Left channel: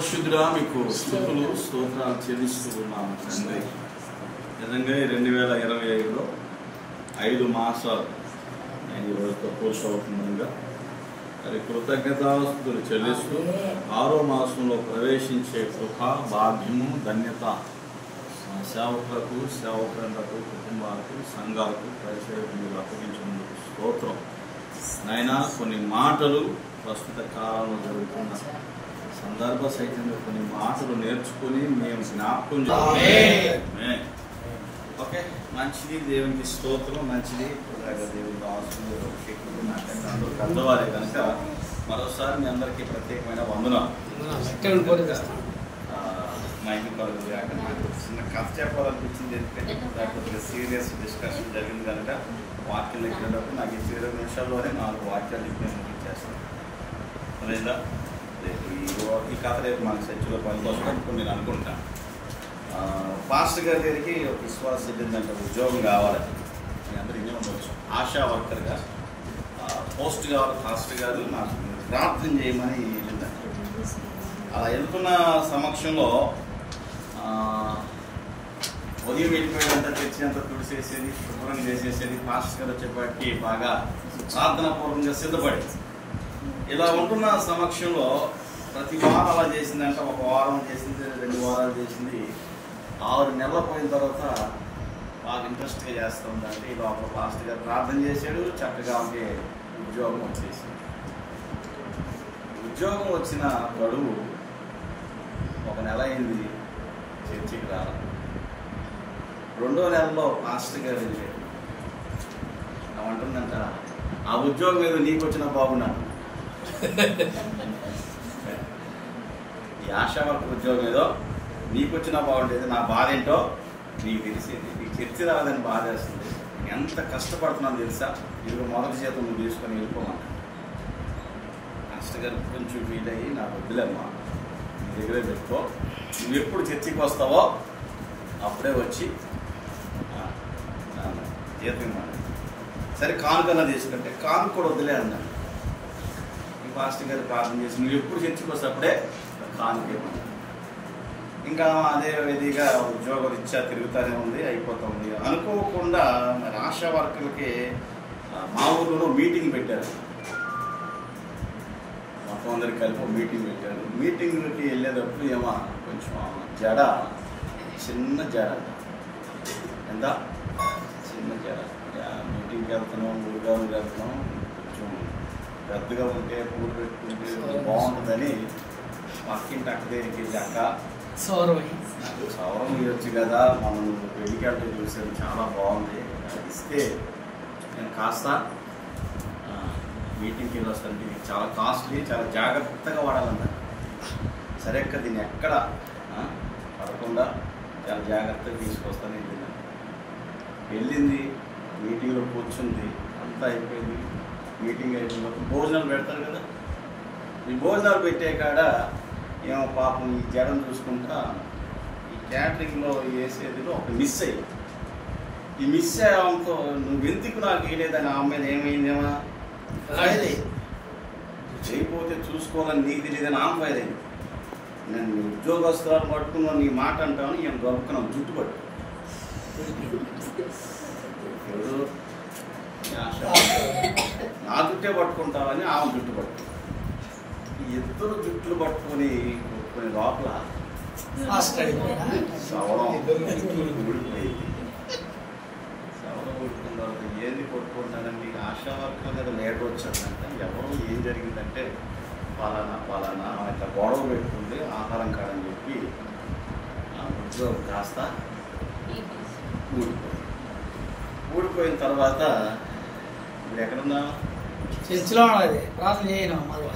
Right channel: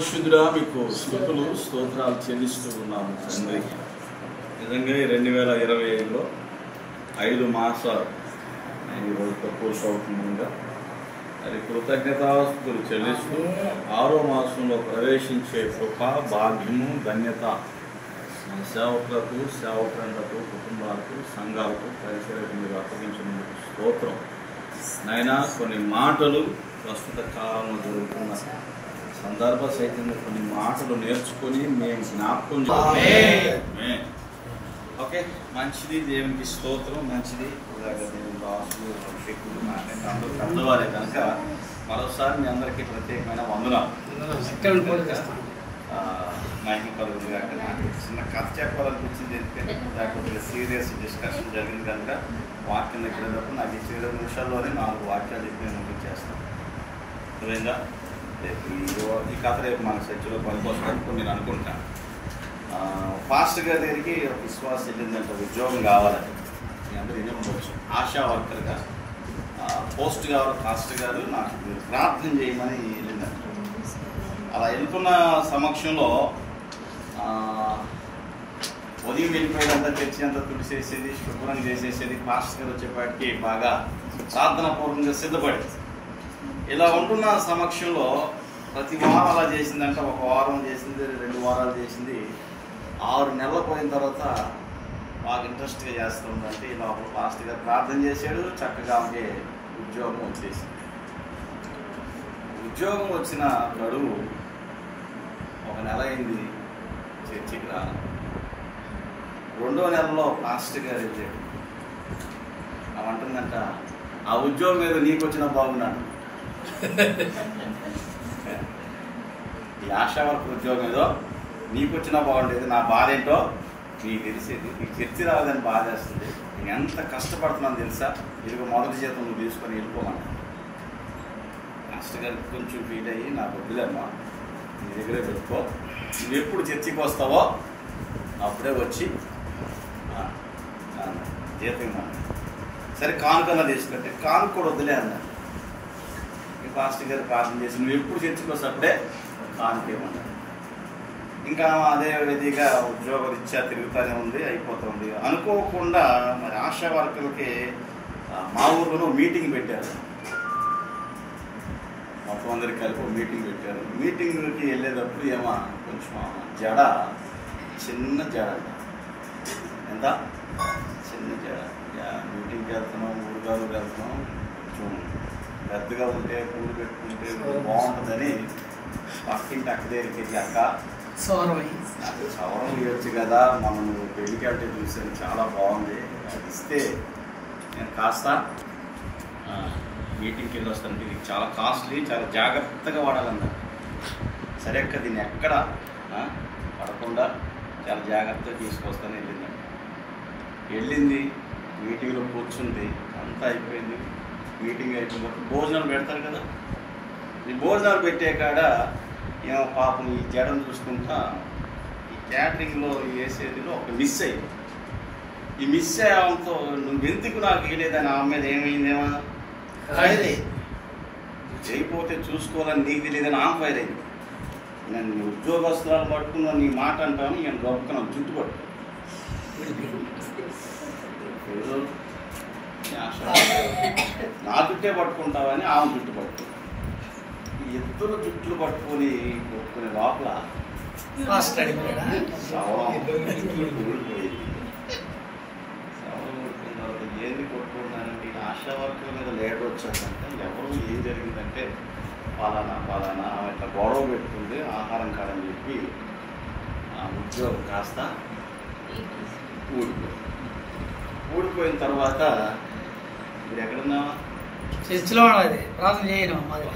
పరిశుద్ధుడా మీకు స్తుతులు స్తోత్రాలు చెల్లిస్తూ ఉన్నాము తండ్రి. నిజంగా 2025లో 5 మాసాలు ఈరోజు తక్కువ సంవత్సరంగా అది కృతజ్ఞతాస్తుతులు చెల్లిస్తూ 6వ మాసంలో ప్రవేశించే కృప భాగ్యము ధన్యత సేవకులకు సేవకులకు కుటుంబాలకు సంఘాలకు పరిసరాలకు మీరు అప్పగించినందుకు స్తోత్రం. నాయనా కొన్ని మాటలు ప్రస్తుత కాలంలో జరుగుతున్న సందర్భ సహితంగా కొన్ని మాటలు నేర్చుకుని మేము జ్ఞాపకం చేయాలి. ఓకే, మంచిది. దేవునికి స్తోత్రం. మంచిది. దేవుని రాసులు శక్తులు మాట్లాడుతూ పెద్దవారే కనుక మరోసారి మీ అందరికీ ప్రత్యేకమైన వందనాలు. మైకి పలుకులు కాక నాకు చిన్న కథ చెప్పాలనిపించింది. ఎందుకంటే కొద్దిగా సీరియస్ డిస్కషన్ జరిగింది కనుక వాక్యం ఎక్కినప్పుడు నాకు ఈ 20 నిమిషాల్లోనే 4 వాక్యాలు చెప్పి చేస్తాను. నువ్వేందా ఈ కథ రేపు మన చర్చలో పనికొస్తుంది నేను అనుకుంటాను. పాస్టర్ గారి దగ్గరికి ఒక విశ్వాసం వెళ్ళిందంటే ఉద్యోగం కావాలని మీ అందరూ ఏమి ఉండవచ్చు. ఆశా వర్కర్గా పోస్ట్ కావాలి పాస్టర్ గారు నాకు ప్రార్థన చేయమని వెళ్ళిందంట. అలా వెళ్తున్న సమక్షంలో ఉదయం వెళ్ళిపోయినంతా తెచ్చి అంతా తుడిచేసేది, శుభ్రం చేసేసేది. పాస్టర్ గారు వచ్చేపాటికి బాగా ప్రార్థనాపూర్వకంగా సిద్ధపడేది. ఇలా ఉంటున్న సమక్షంలో ప్రతి వారం అలా చేసిందంట. 1 వారం చేసింది, 2 వారాలు చేసింది. 6 నెలలు పోయిన తర్వాత బాగా ఇంట్రెస్ట్గా చేస్తుందంటే ఇలా ఒక పాస్టర్ గారు ప్రార్థన చేశాడు. చక్కగా ఉంటే ఉద్యోగం వచ్చేసింది. ఉద్యోగం వచ్చిన గడువు 1 నెల అయింది. చర్చికి రాలి. 2వ నెలలో పాస్టర్ గారు వెళ్ళాడు. అంటుందంట, ఆ ఉద్యోగం ఏదో నీకు వచ్చినా బాగున్నాను. ఈ ఆశా వర్క్ ఉద్యోగం ఏదో నీకు వచ్చినా బాగుండేది, నా బాధ ఏంటో నీకు తెలిసేది. నీకు చర్చి రావాలని బాధ వేస్తుంది. నేను ఎంత కష్టపడుతున్నాను తెలుసా. ఇదిగో మొదటి జీతం నువ్వు తీసుకొని వెళ్ళిపోమన్నా. కష్టంగా కొంచెం ఫీల్ అయ్యి నాకు వద్దులేమ్మా, నీ దగ్గరే పెట్టుకో, నువ్వు ఎప్పుడు చర్చికి వస్తావో అప్పుడే వచ్చి జీతం ఇమ్మన్నా. సరే కానుకన్నా తీసుకుంటే కానుక కూడా వద్దులే అన్నాడు. ఈ పాస్టర్ గారు ప్రార్థన చేసి నువ్వు ఎప్పుడు చర్చికి వస్తే అప్పుడే కానుకేమన్నా. ఇంకా అదే విధిగా ఉద్యోగ రీత్యా తిరుగుతూనే ఉంది, అయిపోతుంది. అనుకోకుండా మరి ఆశా వర్కర్లకి మా ఊరిలో మీటింగ్ పెట్టారు. మొత్తం అందరికి కలిపి మీటింగ్ పెట్టారు. మీటింగ్కి వెళ్ళేటప్పుడు ఏమో కొంచెం జడ, చిన్న జడ, ఎంత చిన్న జడ. మీటింగ్కి వెళ్తున్నాం, ముడుగాను వెళ్తున్నాం, కొంచెం పెద్దగా ఉంటే పూలు పెట్టుకుంటే బాగుంటుందని పక్కింటి అక్క దగ్గరికి అక్క సౌరం ఇవ్వచ్చు కదా, మనం పెళ్ళికి వెళ్తే చూసేది చాలా బాగుంది, అది ఇస్తే నేను కాస్త మీటింగ్కి వెళ్ళి వస్తాను. ఇది చాలా కాస్ట్లీ, చాలా జాగ్రత్తగా వాడాలన్నారు. సరే అక్క దీన్ని ఎక్కడ పడకుండా చాలా జాగ్రత్తగా తీసుకొస్తాను వెళ్ళిందండి. వెళ్ళింది, మీటింగ్లో కూర్చుంది, అంతా అయిపోయింది. మీటింగ్ అయిపోయిన భోజనాలు పెడతారు కదా, ఈ భోజనాలు పెట్టే కాడ ఏమో పాపం ఈ జడం చూసుకుంటా ఈ క్యాటరింగ్లో వేసేదిలో ఒక మిస్ అయ్యింది. ఈ మిస్ అయ్యడంతో నువ్వు ఎందుకు నాకు వేయలేదని ఆమె మీద ఏమైందేమో చేయకపోతే చూసుకోవాలని నీకు తెలియదని ఆమె ఫైర్ అయింది. నేను నీ ఉద్యోగస్తులను పట్టుకున్నా నీ మాట అంటాను, ఈయన దొరుకున్నాను జుట్టు పట్టు నా జుట్టే పట్టుకుంటావని ఆమె జుట్టు పట్టు. ఈ ఇద్దరు జుట్లు పట్టుకొని లోపల సవరం ఊడిపోయింది. సవరం ఊడిపోయిన తర్వాత ఏంది కొట్టుకుంటానండి. ఆశా వర్కర్ల మీద లేట్ వచ్చానంటే ఎవరు ఏం జరిగిందంటే పలానా ఇట్లా గొడవ పెట్టుకుంది ఆహారం కాడని చెప్పి ఆ ఉద్యోగం కాస్త ఊడిపోయిన తర్వాత ఇప్పుడు ఎక్కడున్నా చర్చిలో ఉన్నది ప్రార్థన చేయడం మరి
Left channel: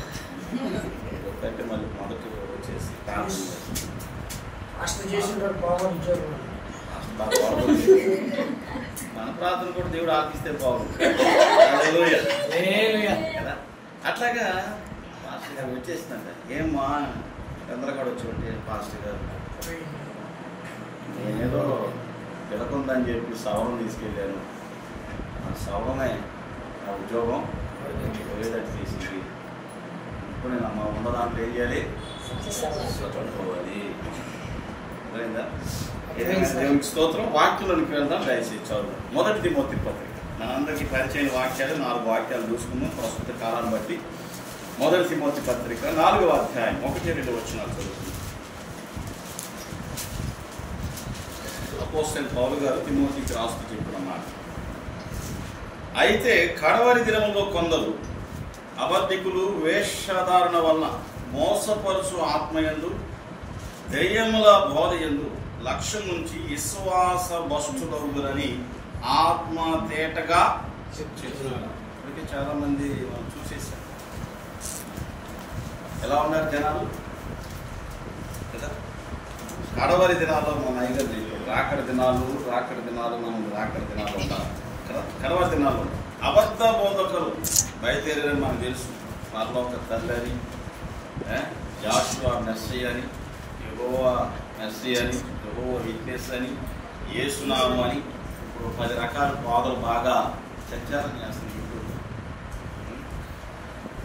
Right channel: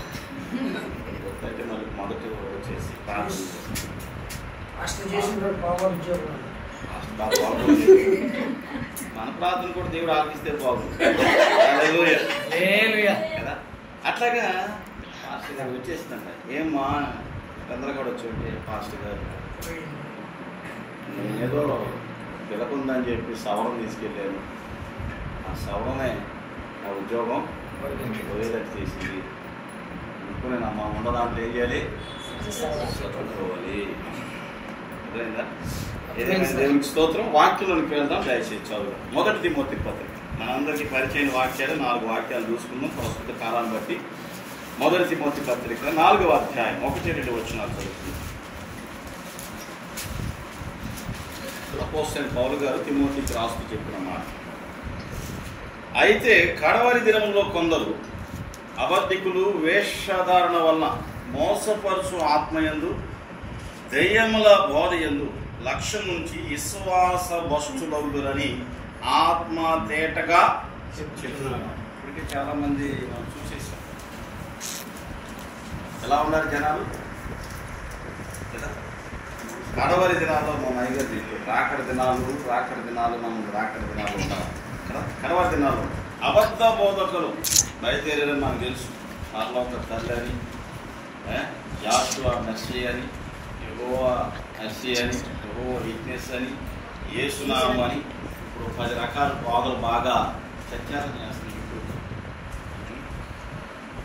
అంటే మళ్ళీ మొదటి వచ్చేసి మన ప్రార్థన కూడా దేవుడు ఆపిస్తే బాగుంది కదా. అట్లాగా పాస్టర్ గారు వచ్చేసిందంట. ఏమ్మా అందరూ కూడా వచ్చి పాస్టర్ గారు ఏదో పిలకుందని చెప్పి సవరం తీసుకెళ్ళాను. ఆ సవరమే ఆ ఉద్యోగం పోయేటట్టు చేసింది. ఇప్పుడు మనం ఉన్న దాంట్లో ఏం చేయాలి? దేవునికి స్తోత్రం. వాక్యంలోకి వెళ్దాం, దయచేసి చదువు. 1 తిమోతి పత్రిక మనందరికీ పరిచయం వాక్యాలు 4 వాక్యాలు చూసుకుందాం ప్రస్తుత కాలాన్ని బట్టి. 1 తిమోతి పత్రిక 4వ అధ్యాయం 1-2 వచనాలు చదువుతుంది. అపోస్తలుడైన పౌలు గారు తిమోతికి రాస్తూ చెప్పిన మాట: అయితే కడవరి దినములో కొందరు అబద్ధికులు వేషధారణ వలన మోసపరుచు ఆత్మయందు దెయ్యముల బోధయందు లక్ష్యం నుంచి విశ్వాస భ్రష్టులగుదురని ఆత్మ తేటగా చెప్తున్నారు. ఇప్పటికీ చాలా మంది చూసేశారు. ఎలా ఉన్నారు జనాలు? కడవరి దినాల్లో మన అయ్యగారు రాకడి దినాలు మనం రాకడి దినాలు ఉంటారు కదా. కడవరి దినాలు అబద్ధ బోధకులు బయలుదేరని మనకు తెలుసు. పరలోక తల్లి అని, జాషువా మెస్సీ అని, యెహోవా మెస్సీ అని, యెహోవా విట్నెస్ అని, యేసునామం అని 10 రకాల బోధలు బాగా సంచారం చేస్తున్నారు.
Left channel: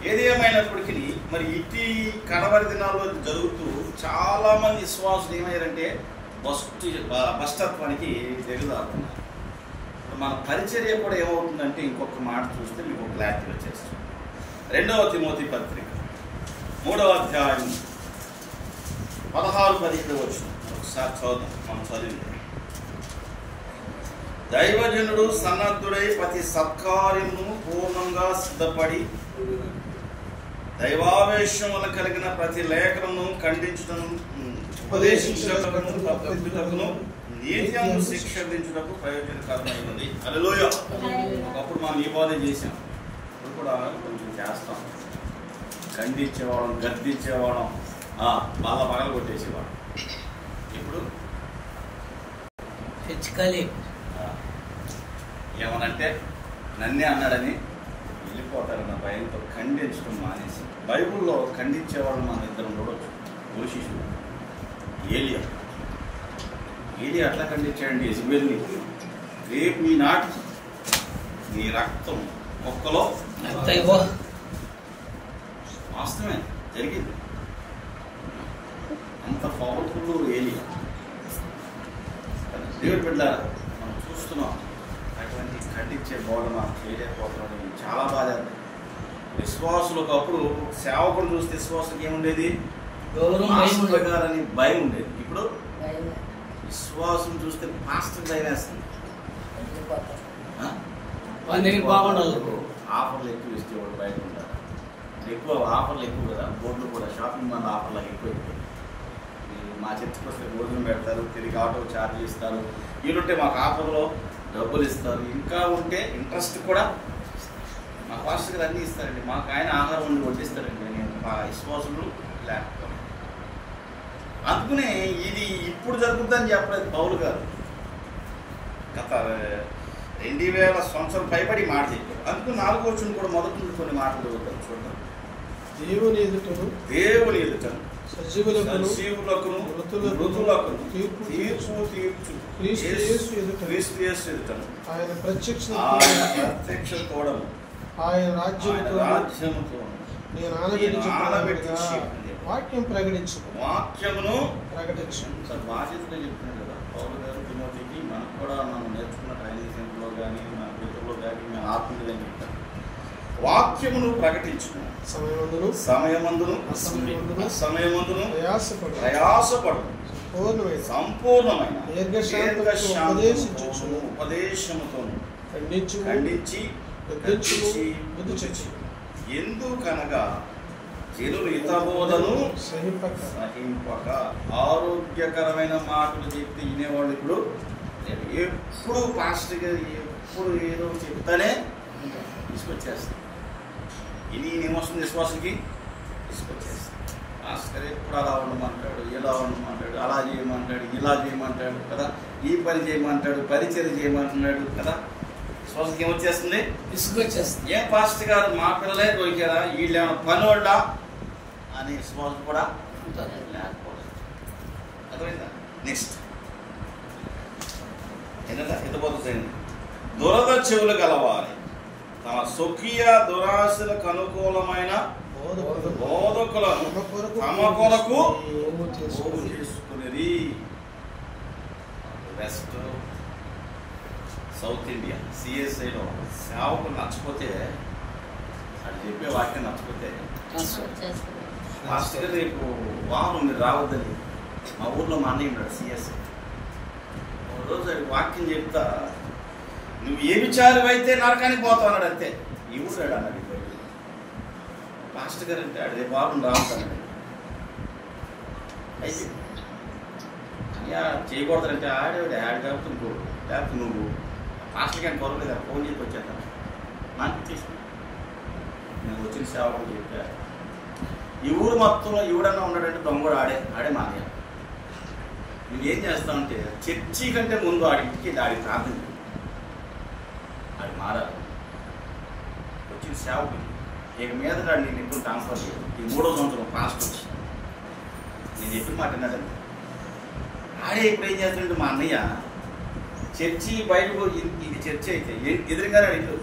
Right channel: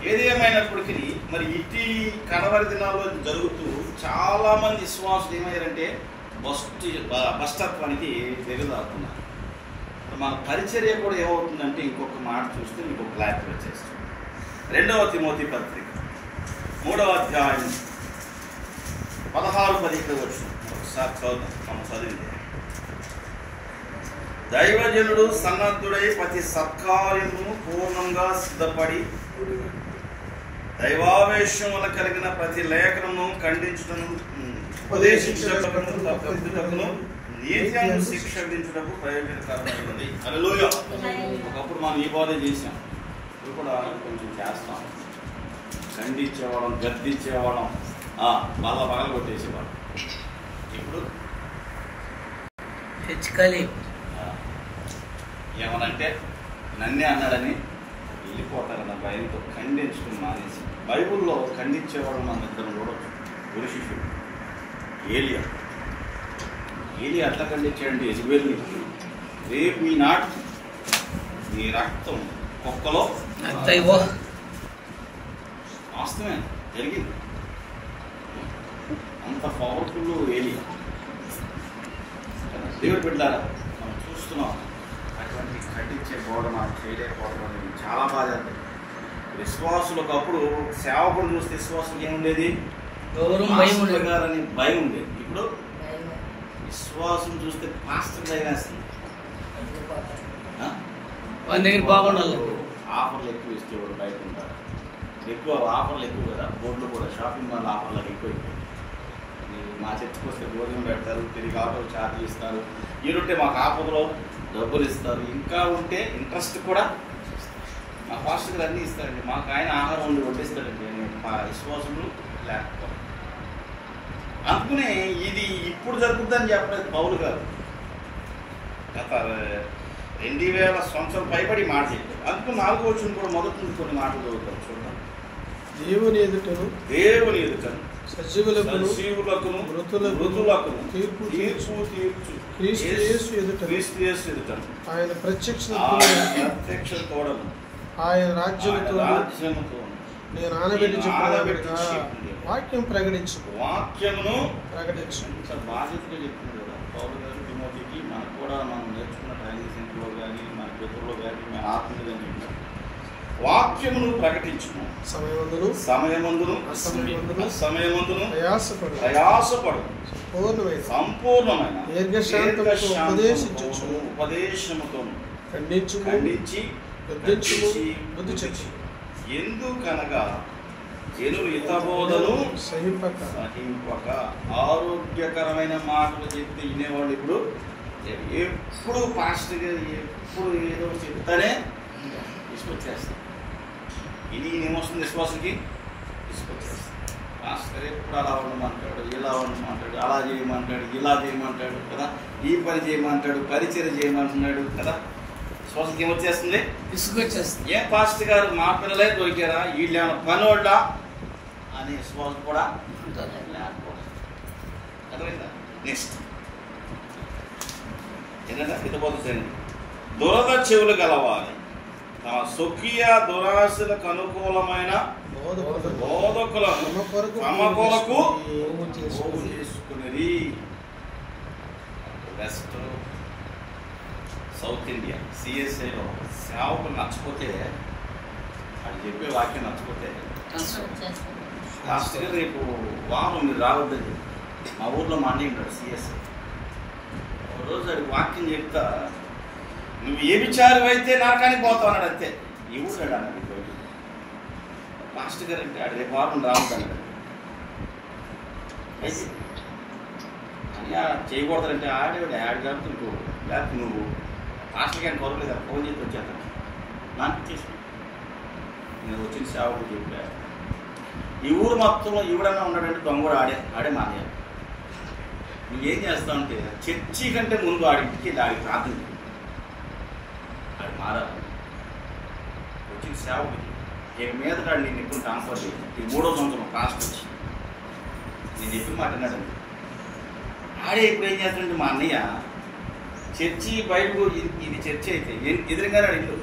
ఏది ఏమైనప్పటికీ మరి ఇటీ కడవరి దినాల్లో జరుగుతూ చాలా మంది విశ్వాసులు ఏమయ్యారంటే భ్రష్టత్వానికి దిగజారుతున్నారు. మన పరిచర్య కూడా ఏమవుతుందంటే ఇంకొక మాట చూస్తే మీకు ఒక క్లారిటీ వచ్చేస్తుంది. 2 తిమోతి పత్రిక 3వ అధ్యాయం 16-17 వచనం ఒకసారి చదువుతాం. మనం చదివితే: దైవజనుడు సన్నద్ధుడై ప్రతి సత్కార్యమును పూర్ణంగా సిద్ధపడి దైవావేశమున కలిగిన ప్రతి లేఖనము ఖండించుటను ఉపదేశించుటకును నీతిని శిక్షించుటకు ప్రయోజనకరమైనది. హల్లెలూయా. ఒకప్పుడు మనం ఈ బాధ చేసాం, ఇప్పుడు కూడా కొంచెం చేస్తాం. ఖండించేవాళ్ళం, గద్దించేవాళ్ళం, మళ్ళా పగల కొట్టేసేవాళ్ళం. ఇప్పుడు హెచ్చుకలి ఏమనంటే నన్నే అన్నాడని వెళ్ళిపోతారన్న భయంతో ఖండించడం మానేసి, బైబుల్లో ఖండించేవాడు మన దగ్గర చూడవచ్చు. గురు శిష్యుడు ఏలియా అట్లా ఖండించాడండి యెజబెల్ని. రేపు మీ నాటికి మీ రక్తం మొక్కలో వాస్తవమే జరిగింది. అంత పవర్ఫుల్ ఏలియా. దేవుడు బిడ్డలారా, మనం చూస్తున్నాం అటువంటి ఖండించే బోధ మనం చేయలేకపోతున్నాం. చాలా బాధ. విశ్వాసులకు అప్పుడు సేవకుడు చూస్తే విశ్వాసులకు ఏముండేది? గారని భయం ఉండేది. ఇప్పుడు విశ్వాసం చూస్తే పాస్టర్ భయం వేస్తుంది. బాగుండాలి. ఆఫర్లు ఎక్కువ ఇస్తే బయట ఉంటారు. ఎక్కువ ఆఫర్లు ఎక్కువ కదా. బోర్డులు కూడా షాపింగ్ మాల్ ఆఫర్లు ఎక్కువ అయిపోయింది. మా చర్చికి వస్తే భోజనం పెడతారు, తిరిగి ఆటో ఛార్జీలు ఇస్తారు. ఈరుంటే మాకు ఆఫర్లో డబ్బులు ఇస్తారు. ఇంకా ఉంటే ఇంట్రెస్ట్ కూడా మా పాస్టర్ అన్నీ ఇస్తారండి. మాకు ఆయన ఆహారం వండి వడ్డిస్తారండి. మా విశ్వాసములు లేకపోతే అందుకునే ఇది ఇప్పుడు జరుగుతుందని చెప్పలేదు పౌలు గారు. గత 2000 సంవత్సరం పైబడి మాట చెప్పారు. అందుకు 4వ వచనం కూడా మొదటి నుంచి కొన్ని మాటలు చదువుతారు. చూద్దాం. దేవుని ఎదుటను సజీవులకును మృతులకును తీర్పు తీర్చు క్రీస్తు యేసు ఎదుటను ఆయన ప్రత్యక్ష తోడను ఆయన రాజ్యముతో నేను ఆనబెట్టి వాక్యమును ప్రకటించు. బాధ్యతగా చెప్తున్నాడు కదా పౌలు గారు తిమోతికి. మనకు కూడా మనం నేర్చుకున్న టైనింగ్లో కానీ మన పితృలో కానీ మన ఆత్మీయులు కానీ చెప్పారు. వాక్యమును ప్రకటించును సమయమందును ప్రయాసపడు సంపూర్ణమైన ఉపదేశముతోను ఖండించి బుద్ధి చెప్పు. ఎందుకనగా జనులు హితబోధను సహింపక ఆరోగ్యకరమైన మాటలు చెప్తే వినేవాళ్ళు ఇప్పుడు ఎప్పుడు పాస్టర్ గారు ఎప్పుడు ఏదో చెప్తానే తీసుకొచ్చేస్తారు. ఇది ఏమొస్తుంది విశ్వాసకి? తీసుకొచ్చేస్తారు. పాస్టర్ ఎప్పుడు అలా ఉండమంటాడు, ఇలా ఉండమంటాడు, అలా చేయమంటాడు, ఇలా చేయమంటాడు కదా, ఈ పని చేయమంటాడు, పరిచయం చేయమంటున్నాడు కదా. విశ్వాసకి ఏమొచ్చేస్తుంది? తీసుకొచ్చేస్తుంది. ఏం పాస్టర్ గారు మా పిల్లలే దొరికారా, వీళ్ళు ఏమైనా పనోళ్ళ అనే విశ్వాసం కూడా లేకపోతే నెక్స్ట్ ఏంటంటే హితబోధండి. దురద చెవులు గలవాలి తమ స్వకీయ దురాశలకు అనుకూలమైన బోధకులను తమ కొరకు పోగు చేసుకునేది. వెస్ట్ సౌత్ ఇండియా సిఎస్ఐలో సేవకు నచ్చపోతే అది చెప్పే వాక్యం నచ్చపోతే లాస్ట్గా రేపు వారం మీరు రావద్దండి. మా ఊర్లో మా అన్నయ్య ఉన్నాడు సిఎస్ఐ. రోజు అది వాక్యం చెప్తా, నువ్వు ఏ విచారం అయితే నరకానికి పోతావు అన్నాడు. అంతే. ఈ ఊరు అన్నాడు. లాస్ట్ గారు అంటే అడే వారం రావద్దు అయితే అని చేయకూడదంటే ఆడేవాడు ఆడి కాబట్టి ఇంకో లేకపోతే నువ్వు లాస్ట్కి అని కొరలేదు కదా ఫోన్ చేసి వచ్చాను నాకు తీసుకు నేను వచ్చిన సేవకు చెప్పా. ఈ ఊరు మొత్తంలో ఎవడన్నా ఉన్నాడంటే దొంగడు ఆడే మానే. నువ్వేం చేస్తావంటే చర్చి కంటే ముందు ఆడింటికి ఆడికి ప్రార్థన ఆడి మారాలి. వచ్చిన సేవకు ఇక మీద నేను ఎక్కువ ట్రాన్స్ఫర్ చేయదు. ఈ 3వ సంవత్సరం పాస్ట్ వచ్చి నేను చెప్పి మాట్లాడాను. ఆడే ఇప్పుడు ఏం చేస్తుంటే మా అన్నయ్య చర్చి బయటకు ఇది చర్చి అయితే ఎదురుగానే అడిగాడు.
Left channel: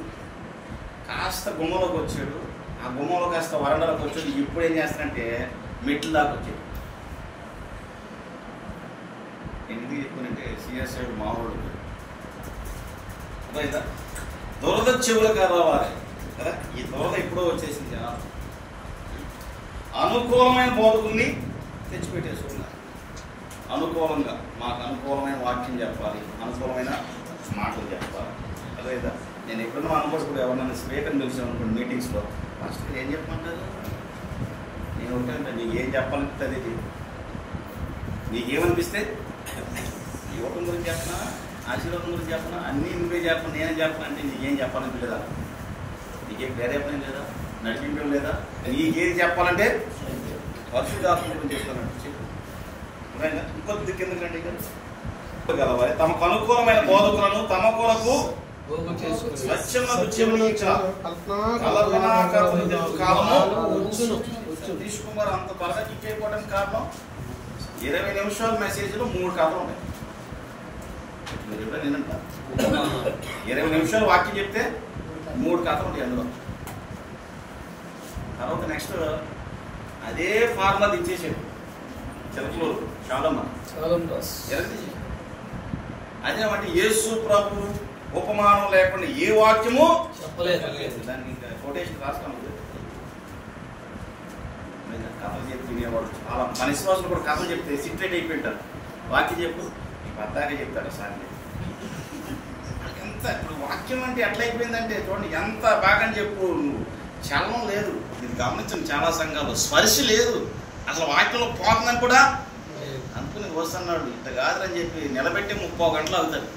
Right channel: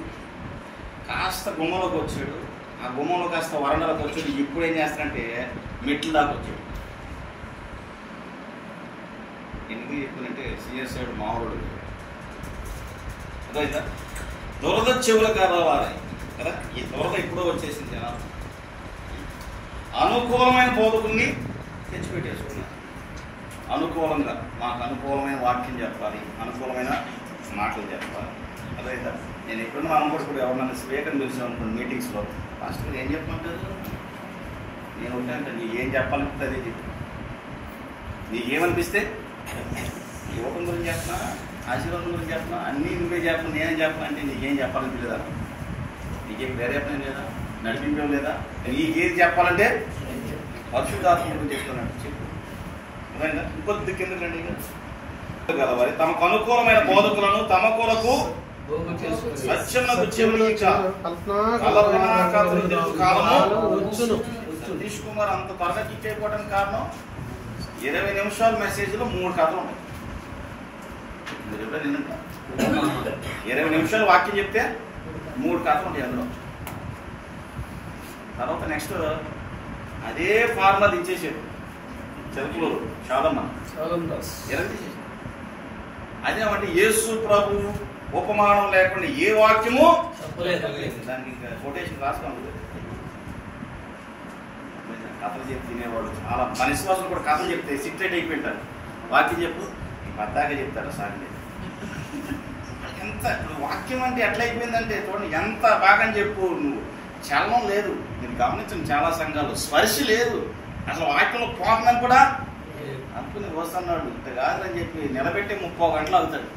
కాస్త గుమ్మలోకి వచ్చాడు. ఆ గుమ్మంలో కాస్త వరండాలోకి వచ్చాడు. ఇప్పుడు ఏం చేస్తాడంటే మెట్లు దాకా వచ్చాడు. ఎందుకు చెప్పిందంటే సిఎస్ఐ మామూలు అదే దురద చెవులు కావాలి కదా. ఈ దురద ఎప్పుడో వచ్చేసింది కదా. అనుకూలమైన బోధకుల్ని తెచ్చిపెట్టేసుకున్నా. అనుకూలంగా మాకు అనుకూలమైన వాక్యం చెప్పాలి, అనుకూలమైన మాటలు చెప్పాలి. అదే నేను ఎప్పుడన్నా అనుకోడు ఎవరన్నా స్పీకర్ని పిలిచాను అనుకోండి మీటింగ్స్లో ఫస్ట్ ఏం చెప్పమంటారు. నేను ఉంటాను నీకు ఏం చెప్పాలనిపిస్తే అదే చెప్పు. నీకేమనిపిస్తే యువకుల గురించి చెప్పనా, ఆశీర్వాదం గురించి చెప్పనా, అన్నీ నువ్వే చెప్పను నేనే చెప్పను అంటే నీకేం చెప్పాలనిపించలేదా? నీకేం వేరే పని లేదా? నడిపించడం లేదా? నీకేది చెప్పాలంటే పరిశుద్ధాత్మ గురించి చెప్తున్నాను చెప్పు. ఇంకొద్ది కింద రండి కదా. తమకు అనుకూలమైన బోధకులను తమ కొరకు సతీష్ కుమార్ అంత త్వరగా కిక్ అయిపోవడానికి కారణం 20 నిమిషాల మెసేజ్లో 3 కథలు ఉన్నాయి. మీరు ఎప్పుడో నేనంట 20 నిమిషాలు వాక్యం చెప్తే 3 కథలు ఉంటాయి అందులో. తర్వాత నెక్స్ట్ అదే ఫార్మల్ ఇచ్చేసాడు చెరుకులు చాలా అదేమంటే యేసు ప్రభు ఉపమానం లేకుండా ఏ వాక్యము చెప్పలేదు. దానికి ఇంకా కొటేషన్ రాసుకోవాలి. కథలు చెప్పి తినేవాడు చాలా మన విశ్వాసం కూడా కథలు చెప్తే సీక్రెట్ అయిపోయింటారు. వాక్యం చెప్పు బద్దాగా చెప్తారు సార్. ఎంత ఇప్పుడు వాక్యం అంటే ఎట్లా అయిపోయిందంటే చూడండి ఎంత బాగా చెప్పు. నువ్వు చలనం లేదు. మీరు గమనించండి చాలా సంఘాలు స్పర్శ లేదు. అసలు వాక్యంలో పోతుందని కూడా అనుకుని వస్తున్నాడు. ఇంత కాదని చెప్పి నిలబెట్టి 30 గంటలు అవుతాడు.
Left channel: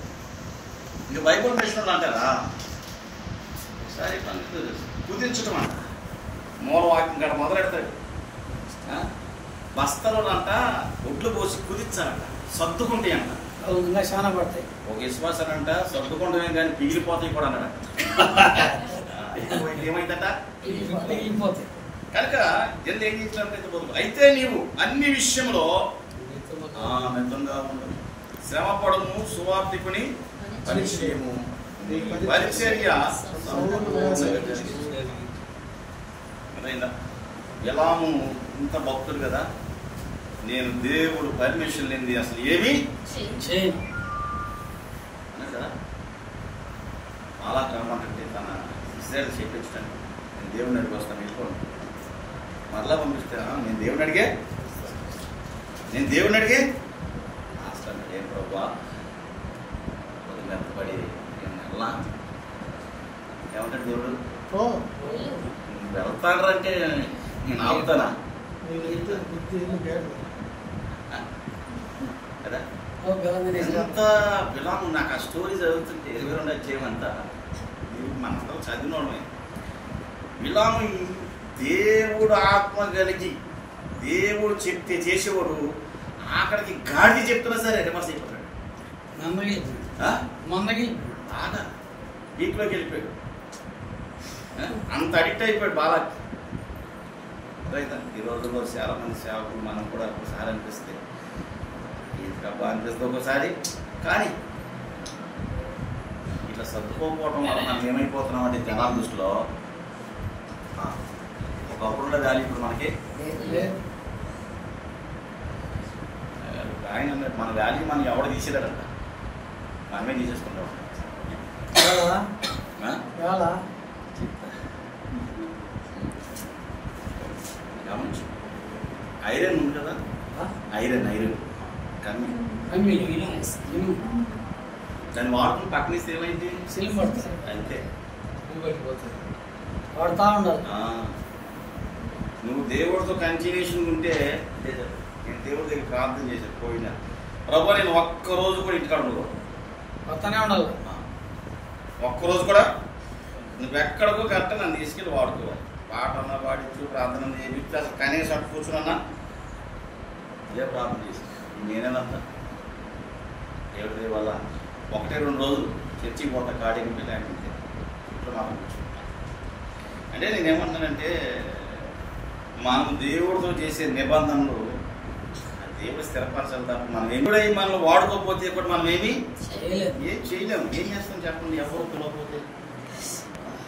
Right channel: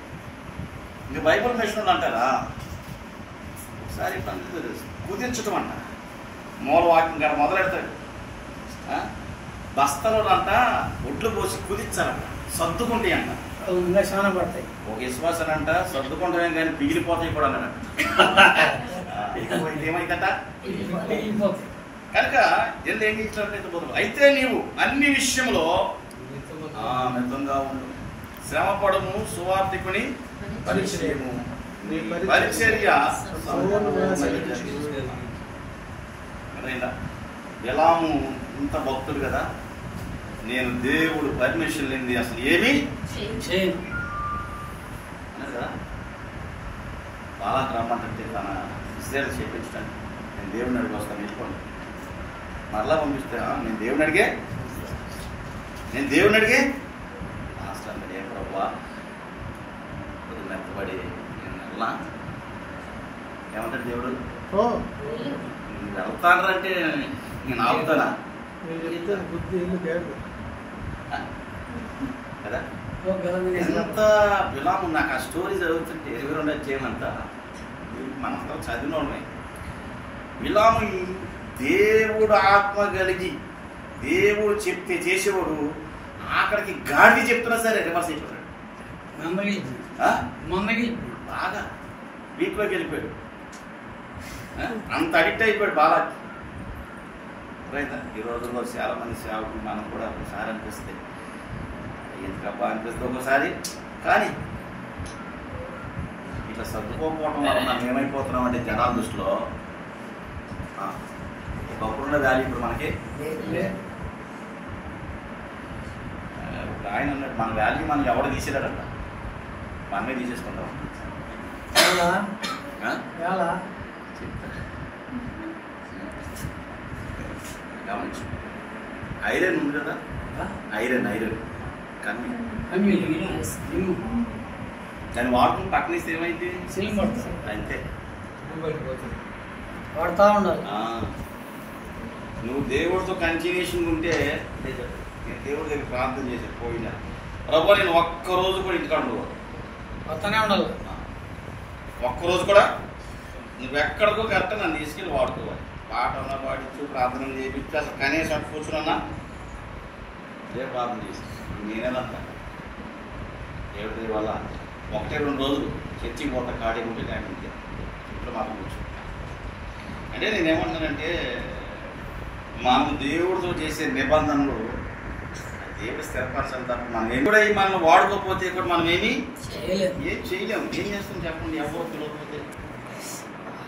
ఇది బైబుల్ మిషన్ అంటారా? ఒకసారి కుదించటం అంట మూల వాక్యం కాడ మొదలెడతాడు. బస్తలో అంట ఒడ్లు పోసి కుదించాలంట, సర్దుకుంటాయి అంట. చాలా పడతాయి. ఒక విశ్వాసాలు అంట సర్దుకుంటామే కానీ పిగిలిపోతాయి కూడా అన్నాడు. ఏమైందట కనుక జల్ది ఏం చేసినట్లయితే అయితే నీవు అన్ని విషయంలో మితంగా ఉండు, శ్రమ పడము, సువార్తికుని పరిచయము పరిచర్య. ఎలాము ఇంత భక్తులు కదా, నేను దేవుడు పర్మిషన్ లేని అసలు ఏమి చేయను కదా. బాగా రమ్మంటే తన ఇస్రాయల్ చేయించండి, నేను దేవుడిని అడిగి వస్తాను మీకోండి. మరలా పంపిస్తే నేను దేవుని అడిగే అసలు ఏ ప్రభా కొద్ది మెత్తపడి నేను అల్లా ఏమంటాడు దేవుడు, వెళ్తానంటే నేను ఆపుతానా కదా. ఎంత విలాము నాకు ఆ స్టోరీ చదువుతుంటే 22 అధ్యాయమంతా మనంతా చదివిన వాళ్ళమే. విలాము దేవుడు ఆత్మ కలిగి దేవుడు చెప్తే చేసేవాడు ఆఖరికి గాడి చెప్తున్నా సరే రివర్స్ అయిపోతాడు. బాగా వీక్లోకి వెళ్ళిపోయాడు. అంత అడిక్ట్ అయిపోయాడు బాగా. ఈ రోజుల్లో చాలా మంది సేవకులు మనం కూడా ఒకసారి అనిపిస్తే ఎందుకబ్బా అనిపిస్తుంది ఒకసారి. కానీ ఇట్లా సర్దుకోకపోవటం వల్ల మనం ఏమైపోతున్నాం అంటే జనాల దృష్టిలో అప్పుడున్న వాల్యూ ఇప్పుడు మనకి ఆయన అన్నట్టు మన వాల్యూ మనం ఎవరు తీసేలేదంట, మనమే తీసేసుకుంటాం. ఐరన్ ఉంది కదా, ఐరన్ కన్ను దాన్ని వాడుకుని పక్కన ఇస్తే ఏమైంది? అయితే వాడుతూ ఉండాలి. నువ్వు దేవుడితో కంటిన్యూషన్ ఉంటే, నేను దేవుడి దగ్గర ప్రార్థన చేశాను పోయినా ప్రభు నేను ఒక్కరోజు కూడా ఇంటికాడ వస్తూనే ఉండాలి. ఒక్కరోజు కూడా నువ్వెక్కడికో కరెక్ట్ నన్ను తీసుకెళ్ళి వాడుకోవాలి. పాట అన్నా పాడించు, ప్రార్థన చేయించు, అసలు కనీసం అటు కూర్చున్నా ఇదే ప్రార్థన చేసి నేనేనంతా దేవుడి వల్ల 1-2 రోజులు చర్చికి పోతా ఖాళీ ఉంటే లేకపోతే ఇంట్లో మాత్రం కూర్చో. అంటే నేనేమంటానంటే మనం దేవుడితో చేసే నిబంధనలు దేవుడు స్థిరపరచాలి తప్ప మనం కూడా మనల్ని వాడుకోకపోతే కూడా మనం ఏం చేయలేము. ఏం చేస్తాం చెప్పండి? ఎవరు పిలవకపోతే,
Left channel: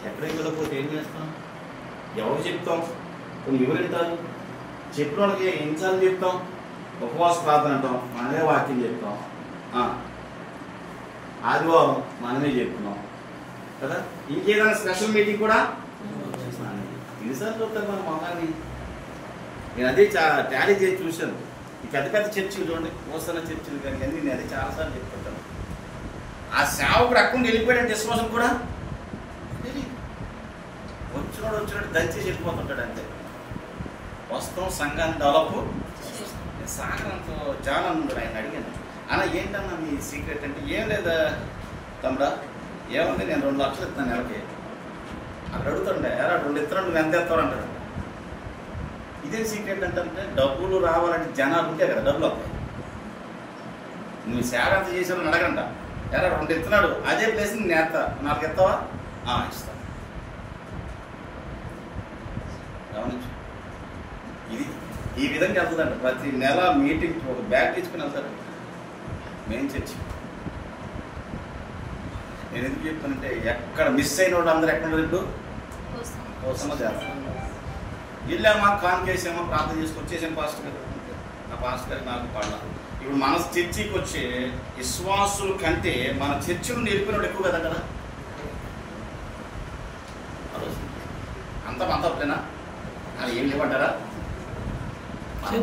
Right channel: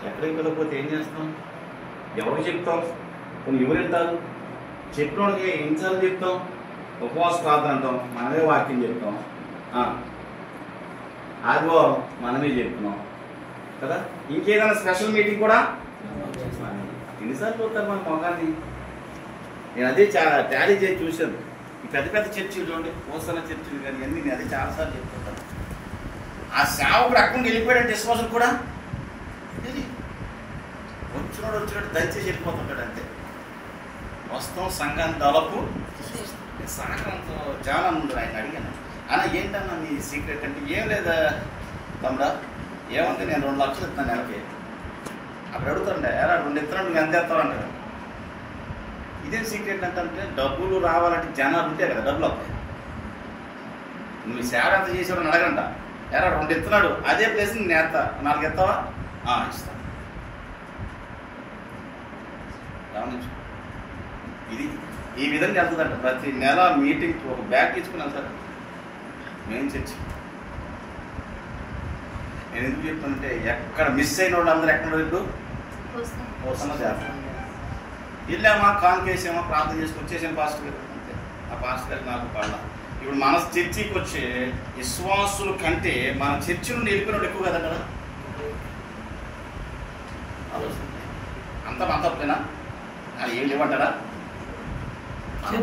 ఎక్కడికి పిలవకపోతే ఏం చేస్తాం? ఎవరికి చెప్తాం? కొన్ని ఎవరు వెళ్తారు? చెప్పిన వాళ్ళకి ఎన్నిసార్లు చెప్తాం? ఉపవాస ప్రార్థన అంటాం, మనమే వాక్యం చెప్తాం. ఆదివారం మనమే చెప్తున్నాం కదా. ఇంకేదైనా స్పెషల్ మీటింగ్ కూడా ఎన్నిసార్లు చూస్తారు మన మొగాన్ని? నేను అదే చాలా ట్యాలీ చేసి చూశాను. ఈ పెద్ద పెద్ద చర్చిలు చూడండి, మోసన్న చర్చిలు కానీ అన్నీ నేను అదే చాలాసార్లు చెప్తుంటాను. ఆ సేవకుడు అక్కడ వెళ్ళిపోయాడంటే విశ్వాసం కూడా వచ్చినట్టు దయచేసి వెళ్ళిపోతుంటాడు అంతే. వస్తాం సంఘాన్ని దాదాపు సాగరంతో చాలా ఉంది. ఆయన అడిగాను, అలా ఏంటన్నా మీ సీక్రెట్ అంటే, ఏం లేదా తమ్ముడా ఏముంది, నేను 2 లక్షలు ఇస్తాను నెలకి. అక్కడ అడుగుతుండే, ఎలా 2 ఇస్తున్నాడు నువ్వు ఎంత ఇస్తావంటాడు. ఇదే సీక్రెట్ అంటే డబ్బులు రావాలంటే జనాలు ఉంటే కదా డబ్బులు వస్తాయి. నువ్వు సేవ ఎంత చేసేవాడు అడగంట, ఎలా 2 ఇస్తున్నాడు అదే ప్లేస్ నేను వేస్తా, 4 ఇస్తావా? ఇస్తాను. గమనించు, ఇది ఈ విధంగా వెళ్తుందంట. ప్రతి నెల మీటింగ్ ఒక బ్యాగ్ తీసుకుని వెళ్తారు మెయిన్ చర్చి. నేను ఎందుకు చెప్తానంటే ఎక్కడ మిస్ అయిన వాళ్ళు అందరూ ఎక్కడ ఇప్పుడు చేస్తాను. వెళ్ళామా కాంకేసామా ప్రార్థన చేసుకుని వచ్చేసాం పాస్టర్ గారు. ఆ పాస్టర్ గారు నాకు పడలా. ఇప్పుడు మన చర్చికి వచ్చే విశ్వాసుల కంటే మన చర్చి నుండి వెళ్ళిపోయిన ఎక్కువ కదా కదా. అంత అంతేనా? అది ఏం లేవంటారా?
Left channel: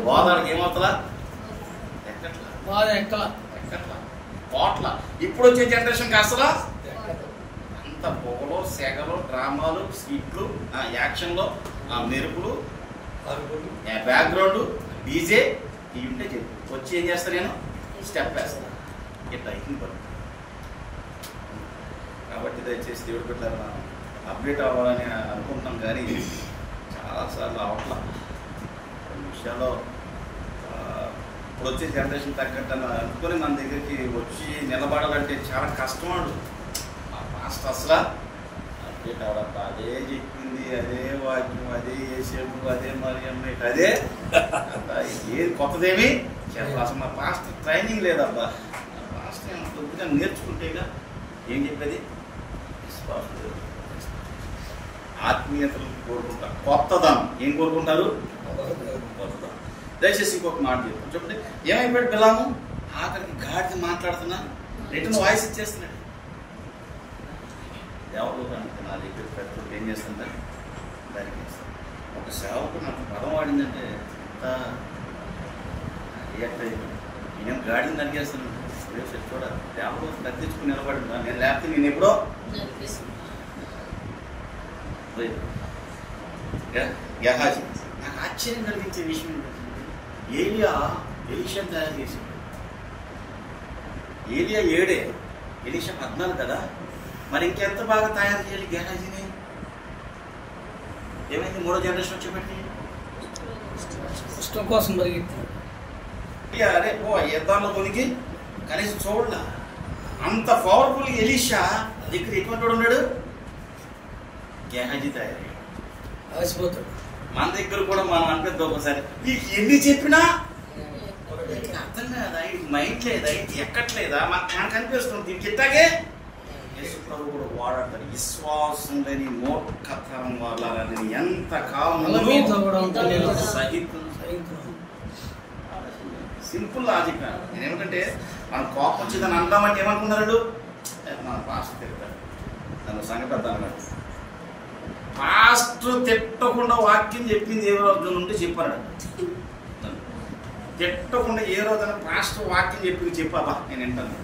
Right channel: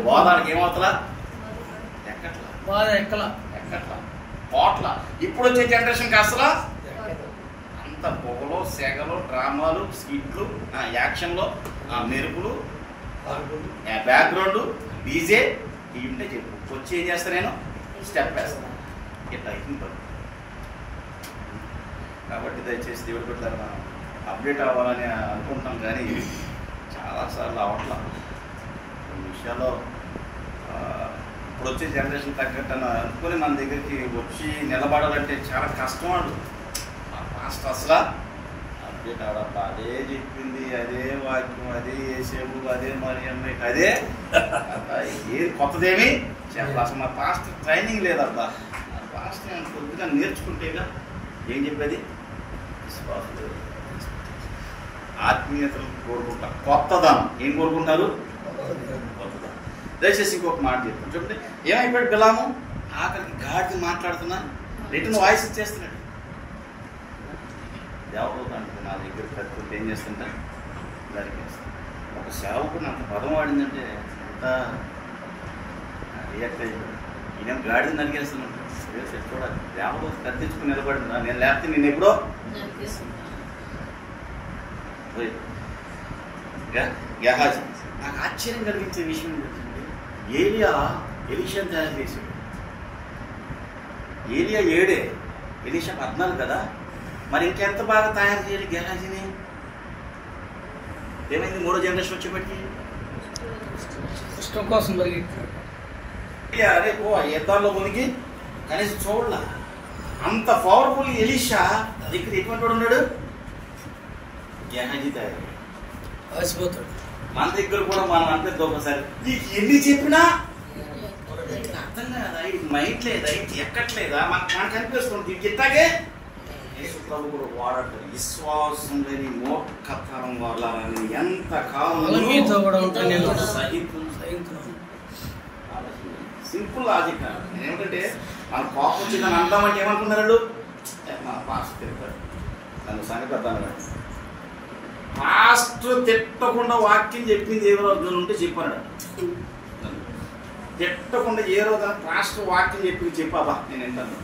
బోధానికి ఏమవుతుందా? ఎక్కట్లా కోట్ల. ఇప్పుడు వచ్చే జనరేషన్ అసలు అంత పొగలు, సెగలు, డ్రామాలు, స్కిట్లు, యాక్షన్లో మెరుపులు, బ్యాక్గ్రౌండ్, డీజే ఇవి ఉంటే చెప్పు. వచ్చి ఏం చేస్తా నేను స్టెప్ వేస్తాను ఇట్లా అయిపోయి. కాబట్టి దయచేసి దేవుడు పెట్టారు మనం అప్డేట్ అవ్వాలని అనుకుంటాం, కానీ చాలాసార్లు అవట్లా. కొన్ని విషయాల్లో ఇప్పుడు వచ్చే జనరేషన్ తగ్గట్టు అనుకుని మన దగ్గరికి వచ్చి నిలబడాలంటే చాలా కష్టం. వాడు మాస్టర్ అసలు అప్డేట్ అవడబ్బా, అదే చెప్పింది, అదే వాక్యం, అదే ఏసేపు, అదే మరి అదే ఏది కొత్తదేమి చెప్పాలి. అసలు మా పాస్టర్ ట్రైనింగ్ లేదబ్బా. ఆ పాస్టర్ కొద్దిగా నేర్చుకుంటేగా ఏం చెప్పేది విశ్వాసం, ఆత్మీయతలు కోరుకుంటారు, కొత్తదనం. ఏం కోరుకుంటారు? కొత్తదనం. దయచేసి ఇంకొక మాట చెప్తాను చూడండి. ఏమైపోయాడు బిలాము? ఆఖరికి గాడిద మాట్లాడుతున్నా రిటర్న్ వాయిస్ ఇచ్చేస్తున్నాడు. దేవుడు నా దగ్గర పెట్టుకుంటే ఏం చేస్తుంటా దానికి ఒక సేవకు నాకు పదం వాడిందంటే రియాక్ట్ అయిపోయాడు. నేను గాడిని నరిగేస్తున్నాను. చూడాలి దేవుడు కత్తించుకుని నిలబడింది. నేను లేకపోతే నేను ఎప్పుడో గెహాజీ. నాకు ఆశ్చర్యం కలిగించే విషయం ఏంటంటే ఏలియా ఎలీషాను తయారు చేశాడు. ఏలియా 7, ఎలీషా 14 కదా. మరి ఇంకెంత బాగా తయారు చేయాలి గెహాజీని? ఏమైంది? 3వ జనరేషన్ వచ్చేప్పటికి ఇష్టం కోసం పరిగెత్తాడు. అరే ఓ యుద్ధాల్లో మునిగి కనీసం చూడలా. అంత పవర్ఫుల్ ఎలీషా ఇక్కడ ఎటువంటి వాడు ఉన్నాడు? గెహాజీ తయారు ఆసిపోతాడు. మన దగ్గర కూడా మనం అంటే ఒకసారి ఎన్ని చెప్పినా అర్థం కాదా? ఇది మైండ్ లేదా? ఇది ఎక్కట్లేదా? మనకు అనిపిస్తుంది ఇది చెప్తాగే యేసు ప్రభు కూడా వాడంటారు, విశ్వాసం లేని మూర్ఖతరం వల్ల ఎంత కాలం మీతో కూడా ఉంటాను నేను. Simple logic. నేనేమిటంటే మన కోపం వచ్చిందని అందామంటే ఏమనుకున్నారు మన పాస్టర్ తిరుగుతాడు, నన్ను సంగతి అర్థం పాస్టర్ తిట్టకుండా వాక్యం చెప్పింది ఏ రోజు నుండి చెప్పాడు. తిట్టకుండా ఏ రోజు పాస్టర్ వాక్యం చెప్పింది చెప్పాబా నేను వింటాను.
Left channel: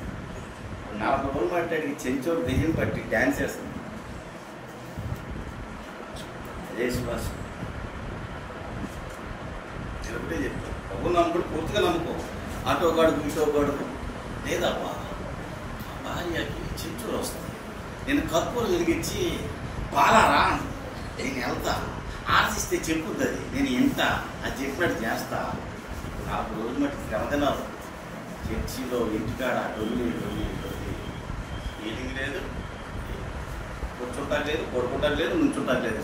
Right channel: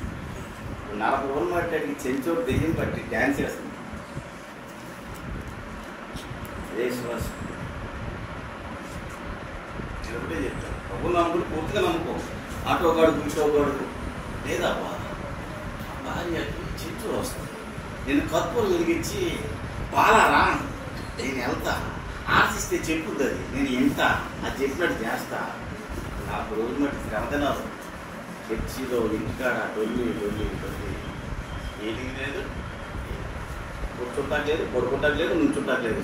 40 రోజులు మాట్లాడి చెంచోడు దెయ్యం పట్టి డ్యాన్స్ చేస్తుంది. అదే శ్వాస చెబితే చెప్తాడు. ప్రభు నమ్ముడు పూర్తిగా నమ్ముకో. అటో గడుపు ఇటో గడుపు లేదా భార్యకి చెంచోడు వస్తుంది. నేను కర్పూరం వెలిగించి పాలరా నేను వెళ్తా, ఆశిస్తే చెప్పుద్ది, అది నేను ఎంత అది చెప్పినట్టు చేస్తా. 40 రోజులు మట్టి వెళ్తున్నారు. చర్చిలో ఇంటికాడ డొల్లి డొల్లి డొల్లి, మీటింగ్ లేదు, కూర్చుంటాకు లేదు, పడుకుంటాకు లేదు, నుంచుంటాకు లేదు.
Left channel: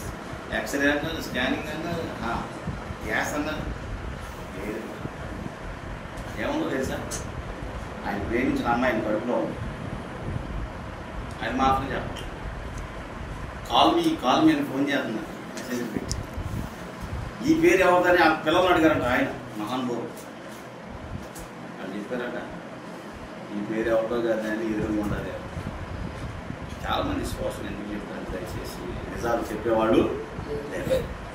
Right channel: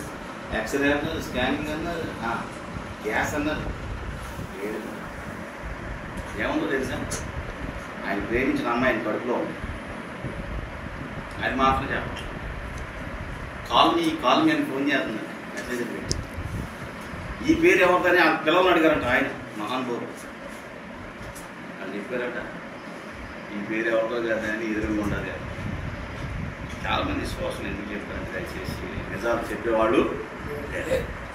ఎక్స్రే అన్నారు, స్కానింగ్ అన్నారు, గ్యాస్ అన్నారు. ఏముందో తెలుసా, ఆయన ప్రేమించిన అమ్మాయిని కడుపులో ఉంది. ఆయన మాత్రం చెప్పాలి, కాల్ మీ అని ఫోన్ చేస్తున్నాడు, మెసేజ్ పెట్టి. ఈ పేరు ఎవరిదని ఆ పిల్లల్ని అడిగారంట ఆయన మహానుభావుడు. అని చెప్పారట, ఈ పేరు ఎవరితో కదా అని ఎదురుగా ఉండాలి. చాలామంది సోషల్ ఎందుకు చెప్పారంటే దయచేసి నిజాలు చెప్పేవాళ్ళు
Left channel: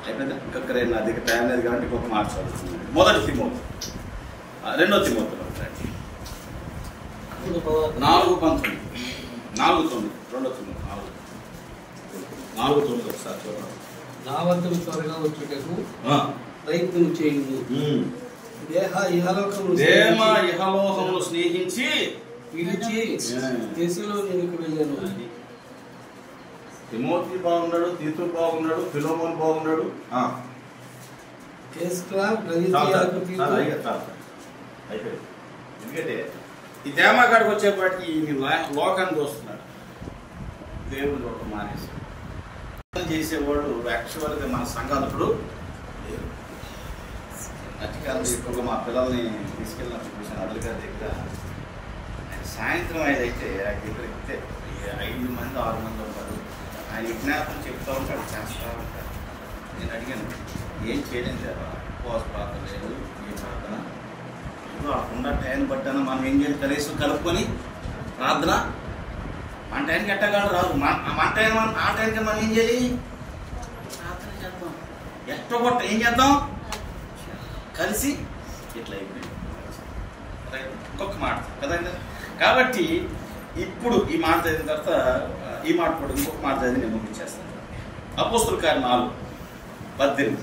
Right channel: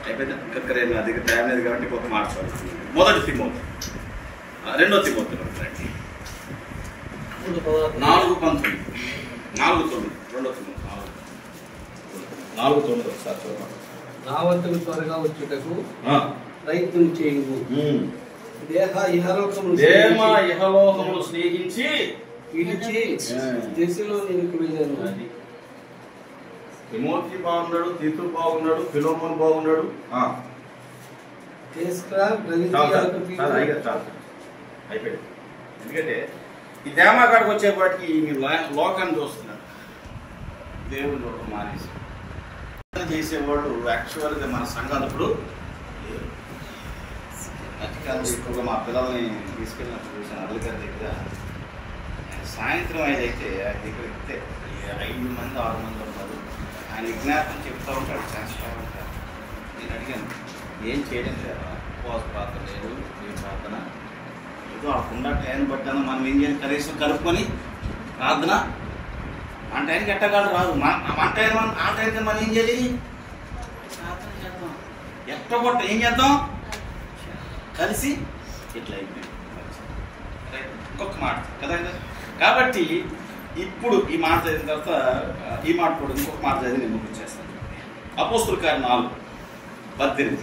అయిపోయింది. ఇంకొక నా దగ్గర టైం లేదు కాబట్టి కొంత మార్చాల్సింది. మొదటి తిమోతి, రెండో తిమోతి 4:19, 4:9, రెండో తిమోతి 4:9 ఒకసారి చూడండి. నా వద్దకు త్వరగా వచ్చుటకు ప్రయత్నం చేయుము. ఇహలోకమును స్నేహించి పిలిచి దేశంలో నీకు వెళ్ళాను. తిమోతి బాగున్నాడు, తీతు బాగున్నాడు, ఫిలోమోను బాగున్నాడు. అయిపోయింది. ఎందుకంటే ఈ దేమాకాడికి వచ్చేపాటికి లోకాన్ని చూస్తున్నాడు. దేవుడు లోకం మానేసి చేసేవాడు యాక్చువల్గా మన సంఘాలప్పుడు అధికారులు ఎక్కువగా మా పిల్లల్ని తీసుకెళ్ళినట్టు చూసాను. అదలు గారి దగ్గర సాయంత్రం అయితే ఆయన దగ్గర ఎక్కితే 5 మంది 6 మంది ఉంటారు. ఆయన విజ్ఞాపనం చెప్తా ఉంటాడు, చేస్తూ ఉంటారు. నేను అడిగాను, ఏం చేయడం లేదా ఉపవాస ప్రార్థన లేదు, నేను ప్రార్థన ఏదో అప్పుడున్న టైం బట్టాను. మనం ఏం చేయాలి, కనీసం కలుపుకొని ప్రార్థన మన టైంకి ఎట్టగాడు రాదు. మన టైం ఆ టైంకి మనం ఏం చేయాలి, ప్రార్థన చేద్దాం. ఎట్టగొట్ట ఏం చేద్దాం, కలిసి ఇట్లా అయిపోయింది. ఇంకొక మాట కదా. కాబట్టి ఇప్పుడు ఈ మాట చదివిన తర్వాత ఈ మాట కూడా ఇంకొక మాట చదివి నేను ముగించేస్తాను. అపోస్తుల కార్యం 4:18.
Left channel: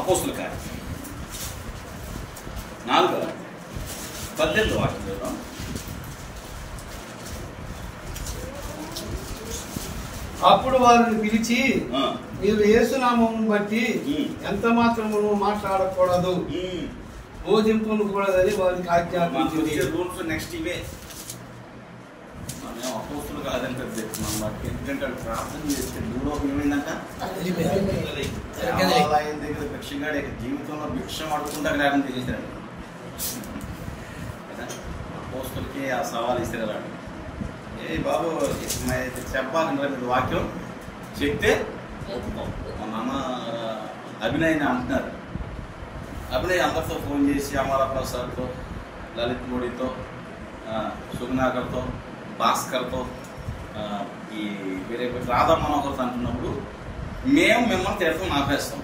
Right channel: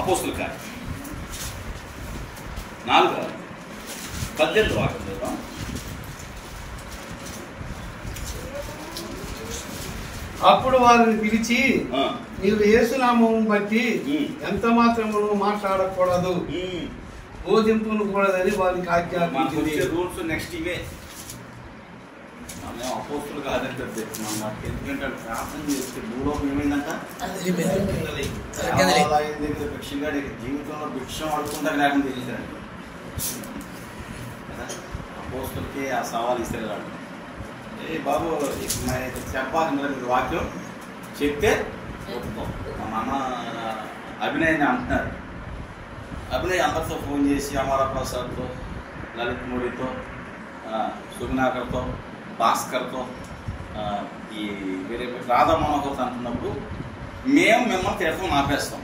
అపోస్తుల కార్యం 4:18 వాక్యం. అప్పుడు వారిని పిలిచి, మీరు యేసునామం బట్టి ఎంత మాత్రమును మాట్లాడకూడదు, బోధింపును కూడదని వారికి ఆజ్ఞాపించింది. రూల్స్ నెక్స్ట్ ఇవే. మనం అపోస్తులు కాదంటే ఎందుకంటే ప్రార్థన చేస్తే భూలోకం ఏమైందంట, దగ్గర భిక్షంగా జీవితంలో భిక్షం అడుగుతుందా లేకుండా చేశారు. అపోస్తులకి ఆ సవాల్ ఇస్తారు. ఏ బాబు చెప్పాలి వాక్యం చెప్తే ఒప్పుకో. మా నాన్న అభినయ్ అంటున్నారు. అభినయ్ అందరితో ఫోన్ చేసి అమర ప్రసాద్తో, లలిత్ మోడీతో, సుగ్నాకర్తో, భాస్కర్తో, ఈ వేరే రాధా మనోహర్తో అంటున్నప్పుడు మేము మిమ్మల్ని తిడతాం ఆపేస్తాం.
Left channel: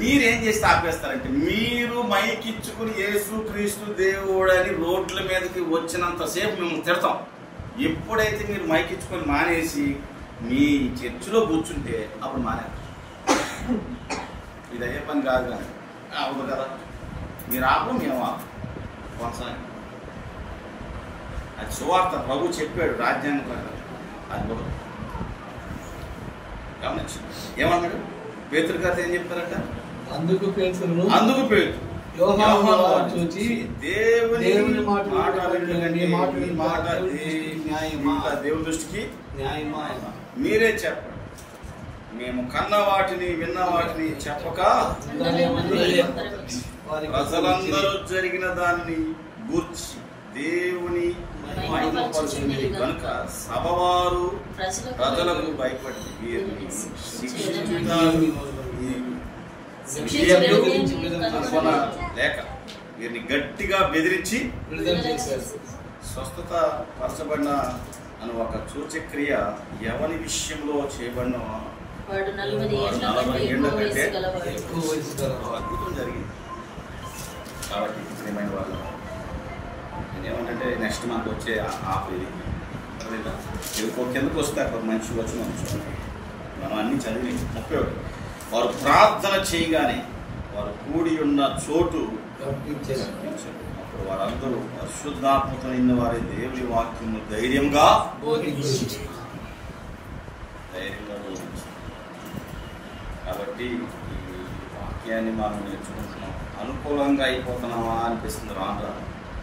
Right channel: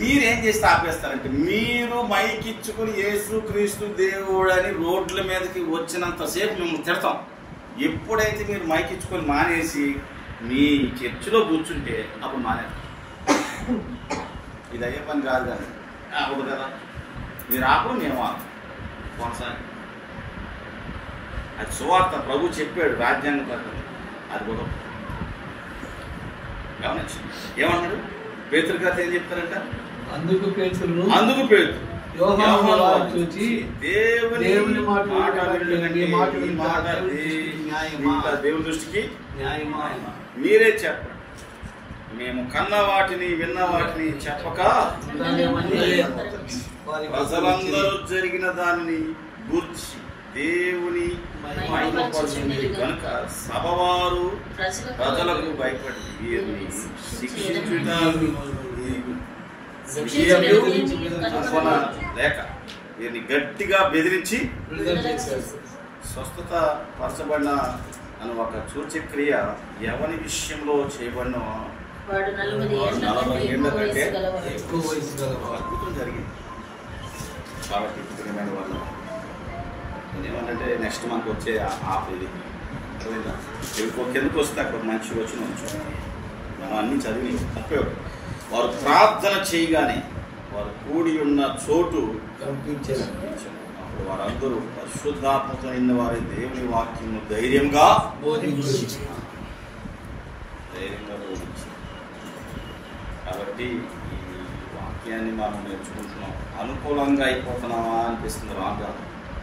మీరేం చేస్తే ఆపేస్తారంటే, మీరు మైక్ ఇచ్చుకుని యేసు క్రీస్తు దేవుడు అని రోడ్ల మీదకి వచ్చినంతసేపు మిమ్మల్ని తిడతాం. ఎప్పుడైతే మీరు మైక్ ఇచ్చుకొని మానేసి మీ చర్చిలో కూర్చుంటే అప్పుడు మానే. ఇది అయ్యే పని కాదు కానీ అవ్వదు కదా. మీరు ఆపడం మేము కొనసాగి. అది సువార్త ప్రభు చెప్పాడు రాజ్యాంగ ప్రకారం. అది కూడా గమనించి ఏమన్నాడు, పేతురు కథ ఏం చెప్తారంట, అందుకు పేతురును చూచి దేవుని దేవుని దృష్టికి న్యాయమా. మీరే చెప్పండి, మేము కన్న వాటిని విన్న వాటిని చెప్పక ప్రజలందరూ జరిగిన దానిని గూర్చి దేవుని మహిమపరచుకుని కనుక సభవారు ప్రజలకు భయపడి వీరిని లేక వీరిని గట్టిగా బెదిరించి స్వస్థత పరచబడిన అని ఒక సూచక్రియ ఎవరి విషయంలో చేయబడిన అద్భుతం జరిగింది. కాబట్టి ప్రియమైన వాళ్ళు నేనేమంటే నెక్స్ట్ మంత్ వచ్చే ఇది కిందకు వస్తే అక్కడ మంచి వచ్చిన మనం అన్ని చదివి 30 వారు ప్రార్థన చేయగానే వారు కూడి ఉన్న చోటు వారందరూ పరిశుద్ధాత్మతో నిన్న వారి దేవుని వాక్యం ధైర్యంగా బోధించారు. కాబట్టి ఈ వాక్యాన్ని మనం నేర్చుకుంటున్నాం. అనుకూలంగా అయిపోతున్నామా అనిపిస్తుంది రాను.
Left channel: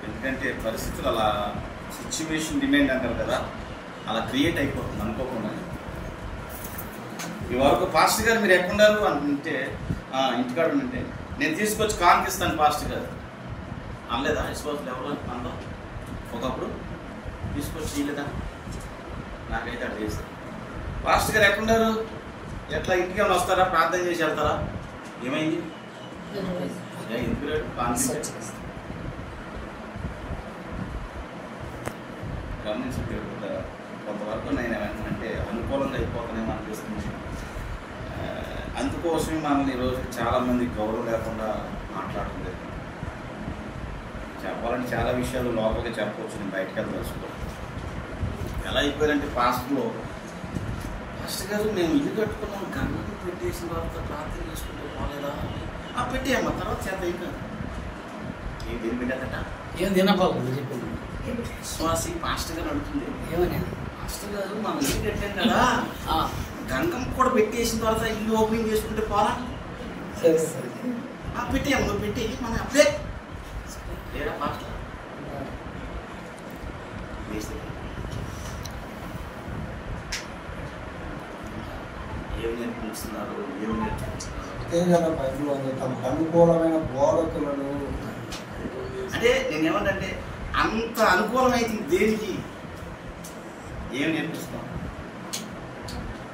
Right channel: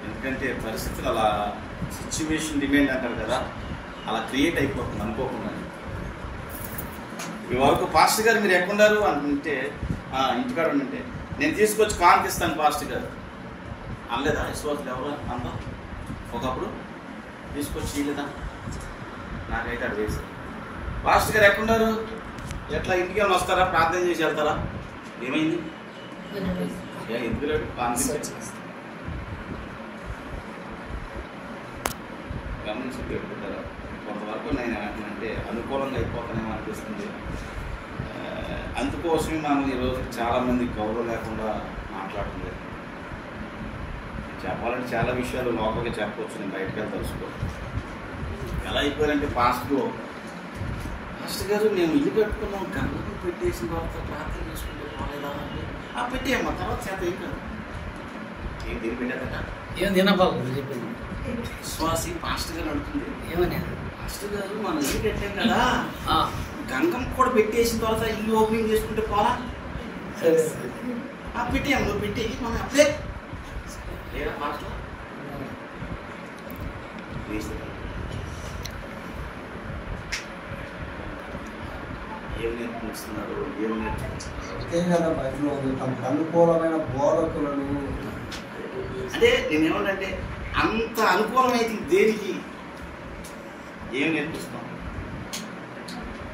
ఎందుకంటే పరిస్థితులు అలా సిచ్యువేషన్ డిమాండ్ అంటారు కదా, అలా క్రియేట్ అయిపోతుంది అనుకోకుండా. ఈ వరకు పాస్టర్ గారు మీరు ఎక్కడున్నారు అంటే ఇంటికాడ ఉంటే నేను తీసుకొచ్చి కానిపిస్తాను పాస్టర్ గారు అనలేదా? విశ్వాసులు ఎవరు అన్నా ఒకప్పుడు తీసుకొచ్చి లేదా? నాకైతే అక్కడ చేశారు. పాస్టర్ గారు ఎక్కడున్నారు, ఎట్లా ఇంటికి ఏమైనా వస్తారా, ప్రార్థన చేసి వెళ్తారా? ఏమైంది? ఎందుకు లేదు గమనించుకుంటారా? కొంతవరకు నేను అంటే అనుకూలంగా అయిపోతానేమో అనిపిస్తుంది. అందుకోసమే మనల్ని ఈరోజు చాలామంది గౌరవం లేకుండా మాట్లాడలేదు. చెప్పాలంటే చాలా విషయాలు లోపలికి చెప్పవచ్చు, నేను బయటకు వెళ్ళి తెలుసుకోవాలి. ఎలా అయిపోయారంటే పాస్టర్ గారు మేము ఇల్లు కట్టుకున్నాం, గంగకు పెట్టేసిన తర్వాత ప్రార్థన చేసుకుంటే పోలేదా? ఆ పెట్టేయమ్మా, తర్వాత చేత ఏం కాదు. ఏం దీన్ని పెట్టాదట? ఏం తినబాబు చెప్పింది విశ్వాసి పాస్టర్ గారు అడుగుతుంది. ఏమని? పాస్టర్ గారు మనం ఇల్లు పెట్టాం కదా, గంగం కూడా పెట్టేసిన తర్వాత ఇల్లు ఓపెనింగ్ చేసుకుంటే పోలా? పెట్టేయమ్మ, నువ్వు పెట్టే మనం అప్లే లేదా పాస్టర్ ఏం నేర్పిస్తున్నారు? ఏం నేర్చుకుంటున్నారు? తమకు అనుకూలమైన బోధకులను అంటే నేనేమంటే అంత అనుకూలమైతే దేనికి ఏం నేర్పిస్తాం?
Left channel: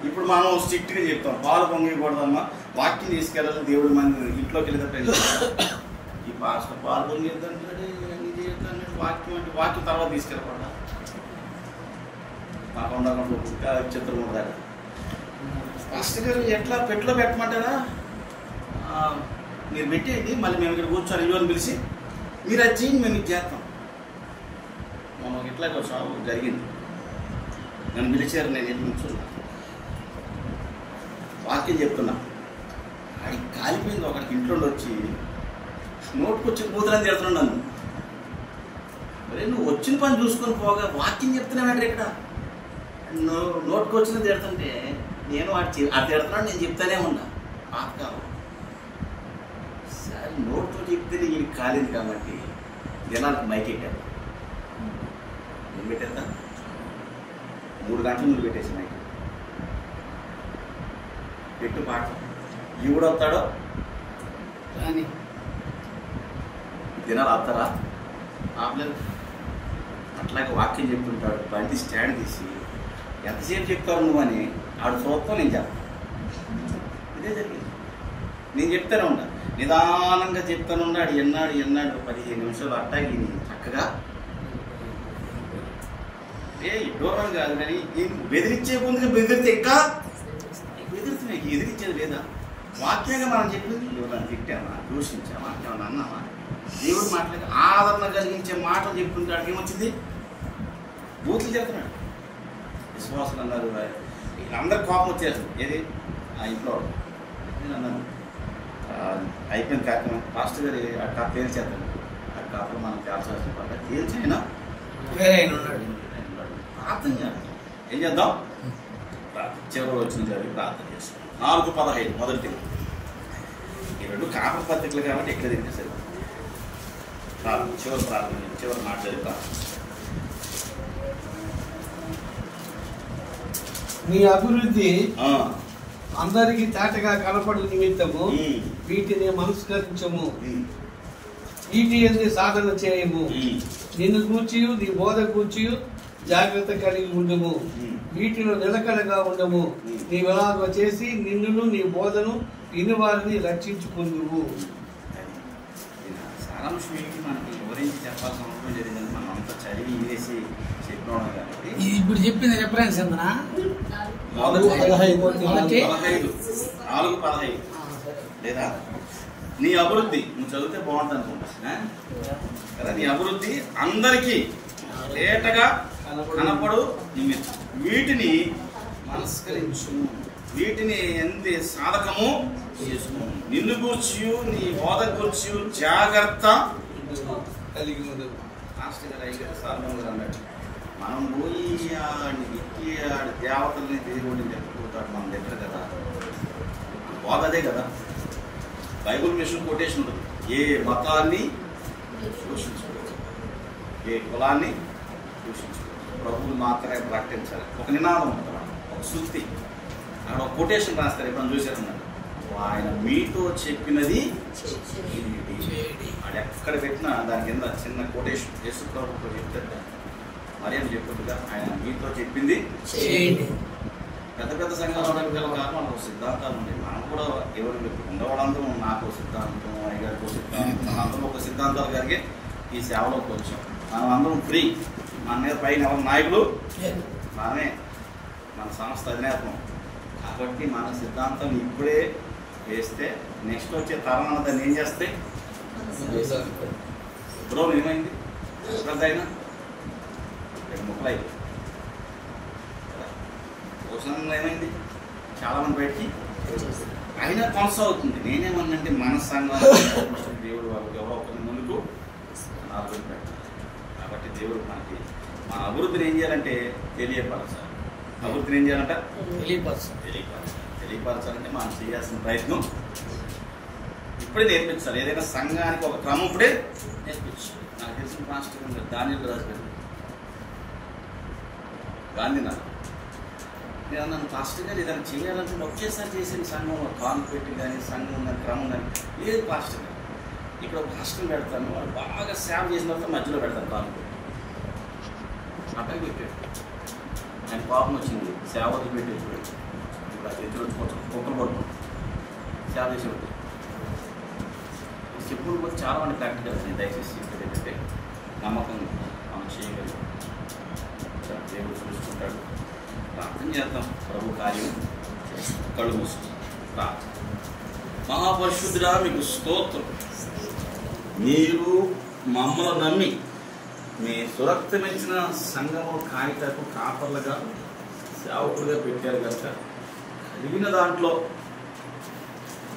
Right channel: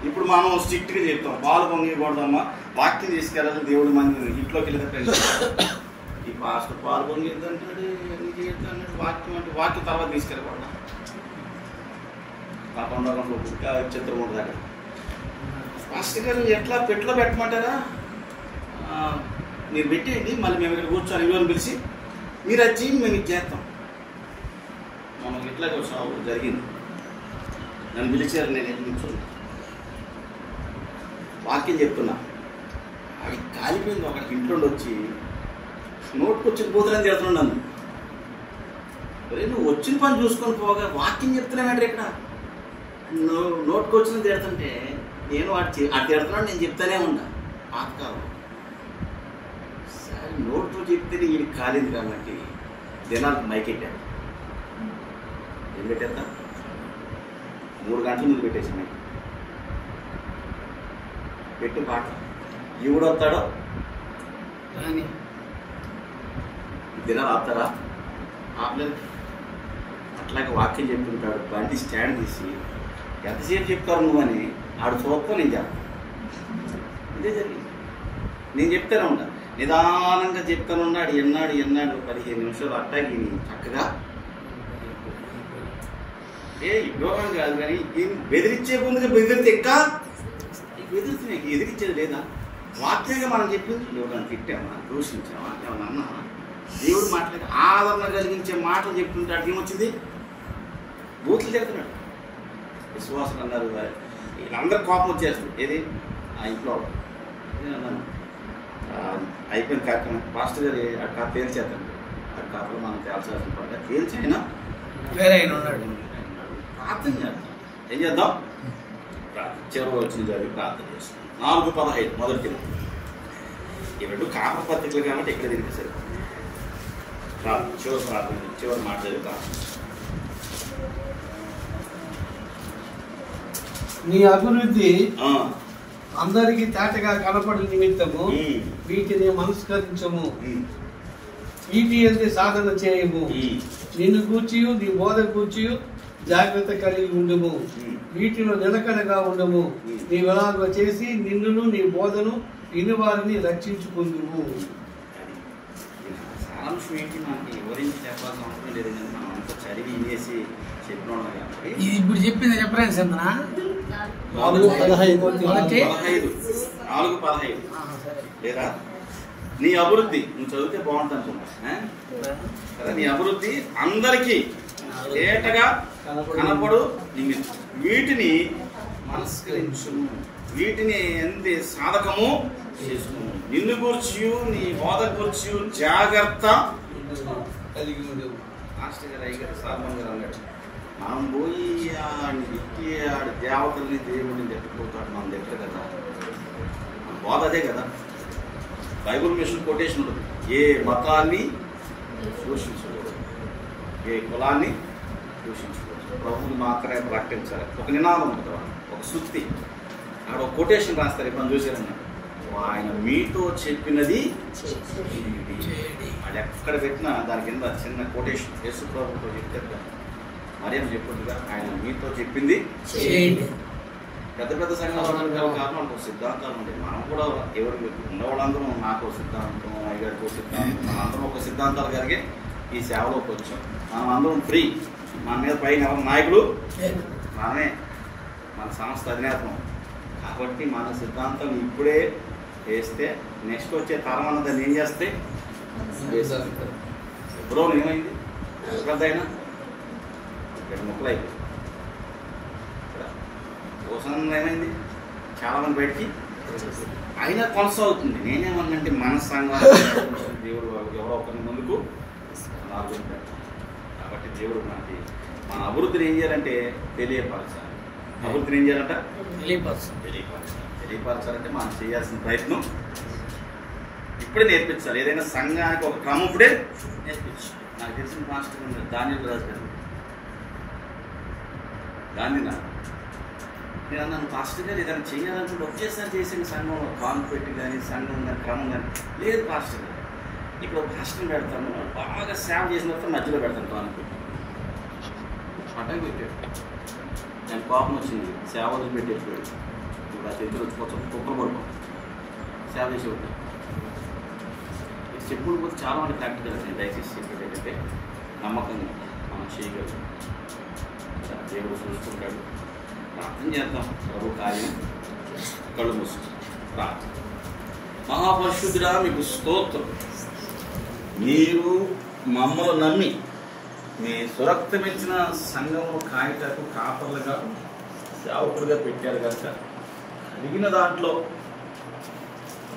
ఇప్పుడు మనం స్ట్రిక్ట్గా చెప్తాం, పాలు పొంగకూడదమ్మా, వాక్యం తీసుకెళ్ళాలి, దేవుడి మంది ఇంట్లోకి వెళ్ళేటప్పుడు ఈ పాస్టర్ పాలు పొంగిద్దంటాడు, వాక్యం అంటే వాక్యం తర్వాత తీసుకెళ్ళకూడదా? కాకుండా చిత్రం ఉండదా? పాస్టర్ గారు ఎట్లా పెట్టులో పెట్టమంటారా? మీరు పెట్టేయండి, మళ్ళీ మేము ఇక్కడ కూర్చొని ఇవ్వని పిలిచి మీరు వచ్చి మేము ఇది చేస్తాం. మనం ఇట్లా జరిగింది, నన్ను పిలిచారు, నేను ఎట్లా కూర్చున్నా వాక్యం చెప్తున్నా. అది కాలిపోయింది. ఒకటి ఇంట్లో వచ్చి నోటుకొచ్చిన కూతురని చేస్తున్నాడు నన్ను. అరే నువ్వు వచ్చిన పని చూసుకొని పోగా వాక్యం చెప్తున్నాడు ఇక్కడ, నోటుకొచ్చిన తిడుతుంటే నేను వాడు తిడుతున్నాడు, నేను చెప్తానే ఉన్నా. పాతకాలం సరే నోట్తో చెప్తే ఇది కాలేదు కాబట్టి దినాలకు మైక్ ఎట్టాను. ఏం పెట్టేద్దా? 3 గంటల ముందు పెట్టేసి మైక్ పెట్టి పాట ఈవిడొస్తాడో దినాలు ఆపుతారా? ఆపలేదు. అట్లాగే వాక్యం చెప్తుంటాడు, బండి స్టాండ్ తీసి ఎంతసేపు చెప్తావు నువ్వు అని ఆడు చూస్తావు, నేను చెప్పను. ఇదే జరిగింది. నేను చెప్తానే ఉన్నా, నిదానంగా చెప్తాను ఉన్నాడు. ఎన్నాడు 15 నిమిషాలు అట్టాగి చక్కగా ఇవ్వడం కాదు, కానీ బెదిరించే ముందుగా బెదిరితే ఎక్క బెదిరితే ఎదిరించేది లేదా? వాక్యంగా మనం చెప్పింది ఎవరైనా తిట్టామా, దూషించామా, ఏమన్నా అన్నామా? దేవుడు మాట్లాడి ఆదరణ కలిగించే మాటలు చెప్తుంటాడు. ఏమొచ్చింది? బూతులు చెప్తున్నాడు. విశ్వాసం అన్నారు, వీళ్ళందరూ కోపం వచ్చేస్తుంది. ఏది ఆ ఇంట్లో అన్నాను అయిపోయిన కార్యక్రమం పాస్టర్ గారు అక్కడ తేల్చేస్తాను. అది కాకుండా మనం తేల్చాల్సిన పని తేల్చైనా వేరే ఆయన ఉన్నాడు. ప్రార్థన చేద్దాం. ఏం చేద్దాం? చివరి వచ్చిన జరిగి ప్రార్థన చేస్తాం. 4:15 మొదటి ఈ 2 కాపర్ పత్రికలు కాబట్టి ఎక్కడ తిరిగి సరే చివరి ప్రార్థన, చివరి మాట చదువుతా. నీ అభివృద్ధి అందరికి తేటగా కనపడు నిమిత్తము వీటిని మనస్కరించము, వీటి సాధన చేయము. నిన్ను కూర్చియు నీ బోధ కూర్చియు జాగ్రత్త కలిగి ఉండము, వీటిలో నిలకడగా ఉండము. నీవెలాగో చేసి నిన్నును నీ బోధను వినువారిని రక్షించుకుందువు. సారాంశం ఏంటి, మనకి వివరించి చెప్పాల్సిన అవసరం లేదు కానీ మనం అంతా చదివి వేసి చెప్పినాం కాబట్టి ఇప్పుడు చెప్పింది రిఫరెన్స్ ఎంతనా? 4:15 లేదా నీ అభివృద్ధి నువ్వు చదివితే బాగుంటుంది అనుకుంటా కదా. నీ అభివృద్ధి అందరికీ ఏటగా కనపడు వీటిని మనస్కరించు, వీటిని ఎంత సాధకము చేసుకును, నిన్ను కూర్చి నీ బోధ కూర్చి జాగ్రత్త కలిగి ఉండవు. మనం పోయి దేవతల్ని దేవుడిని చెప్పుకుంటాడు, మనం చెప్పరు కదా. బోధ అదే కదా. బైబుల్ మిషన్ కొటేషన్ ఉంటుంది, ఏ మతాన్ని దూషించకూడదు, ఏ కులాన్ని దూషించకూడదు, ప్రభువుని మాత్రమే ప్రకటించాలి. ఒక నినాదం ఉంటుంది, ఒక సూక్తి, అక్కడ ఒక కొటేషన్ రాస్తారు. ఇప్పుడు చూసారన్నాడు, ఆయన మీతో చెప్పినది అది ఎక్కడ పెట్టినా దాని కింద చిన్న కొటేషన్ యేసు ప్రభుతో చెప్తాడు. మరియం చెప్పింది, ఆయన మీతో చెప్పింది పెద్ద పెద్ద సంఘాలు కారణం ఒక సిద్ధాంతాలు ఉంటాయి. మనం కూడా ఎవరు ఉండేవాళ్ళందరూ నాకు సిద్ధాంతం, అయ్యగారికి ఒక సిద్ధాంతం, మనందరం ఒక సిద్ధాంతాలు కలిగి ఈ సేవలోకి వచ్చాం. మనం అందరం ఫ్రీ, మన మీద పైన ఎవరు నాయకులు మనమే, మన సంస్థ అధినేతం. కాబట్టి మన సిద్ధాంతం ఇప్పుడే వేస్తే నెక్స్ట్ వచ్చే తరం దాన్ని ఏం చేస్తే బ్రో ఏమైంది పెద్ద అయినా ముక్కలు అయిపోయి కోసంలో ఏమైంది చాలా మంది బయటికి అయినా కొనసాగుతుంది. నేనేమన్నంటే మన సంఘాలు దేవుడు ఎవరో ఒకరి ముందుకు నాలుగు పెట్టాలి. కాబట్టి దేవుడు మనకి మన అభివృద్ధిని ఏం చేయాలంటే తెలియపరచాలి. అభివృద్ధిని ఏం చేయాలంట తెలియపరచాలంటే మనం చేయాల్సిన ప్రయత్నం ఇప్పుడే నేర్పించాలి. ఏదైనా సంఘానికి ఒక క్రమం ఇప్పుడే నేర్పించాలి. నాకు తెలిసిన మాస్టర్ దానిలో రాజు గారు గాంధీనగర్ నన్ను పాస్టర్ గారు ఏదైనా చేయాలనుకుంటే ఒకేసారి చేసిన సంఘంలో కాను పెట్టి కానీ సంఘం కానీ క్రమం కానీ లేదు పాస్టర్ గారు. ఇప్పుడు పాస్టర్ పెడతాను, వాళ్ళు బాగా సేవ చేసిన తర్వాత మధ్యలో పెడతాను కాను పెట్టి అట్టని పెట్టాడు. ఆయన కోపం వచ్చింది, సేవ పెట్టేప్పుడు ఇప్పుడు ఎదురు వచ్చిపోతాం కుక్కలు పడుకోం సేవ చేసేవాడు చెప్పుడు కూడా చాలా మంది ప్రాక్టికల్. నేను దయచేసి చెప్పేది ఏంటంటే నమ్మకం మనం చేయగలుగుతాం, దేవుడు చూసుకుంటాడు. ప్రార్థన చేద్దాం, ప్రభు కార్యం కళ్ళు మూసుకుంటాం. ప్రార్థన. మహాపరిశుద్ధుడా మీకు స్తోత్రం, మీరు మమ్మల్ని నమ్మి మీ సురక్తమించిన సంఘమును కాయటకు కాపర్లుగా సేవకులుగా పెట్టారు కనుక కలిగిన దాంట్లో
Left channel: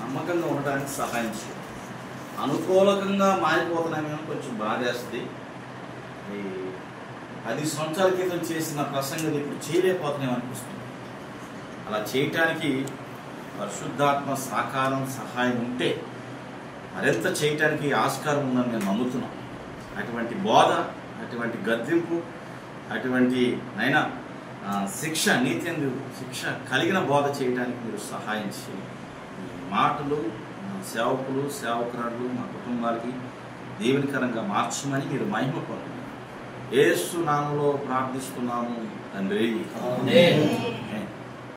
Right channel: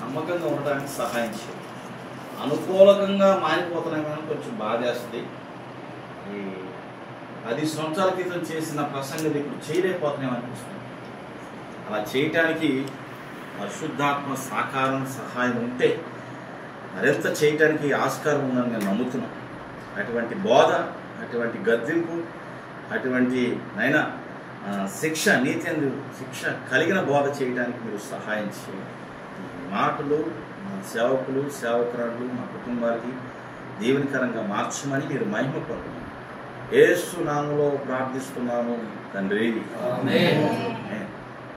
నమ్మకంగా ఉండడానికి సహాయం చేయండి. అనుకూలకంగా మారిపోతున్నామేమో కొంచెం బాధేస్తుంది. ఈ 10 సంవత్సరాల క్రితం చేసిన ప్రసంగం ఇప్పుడు చేయలేకపోతున్నాం అనిపిస్తుంది. అలా చేయటానికి పరిశుద్ధాత్మ సహకారం సహాయం ఉంటే మరింత చేయటానికి ఆస్కారం ఉందని నేను నమ్ముతున్నాను. అటువంటి బోధ, అటువంటి గద్దింపు, అటువంటి నైనా శిక్ష, నీతి శిక్ష కలిగిన బోధ చేయడానికి మీరు సహాయం చేయండి. ఈ మాటలు సేవకులు సేవకురాళ్ళు మా కుటుంబాలకి దీవెనకరంగా మార్చమని మీరు మహిమ పొందండి. యేసు నామములో ప్రార్థిస్తున్నాము తండ్రి.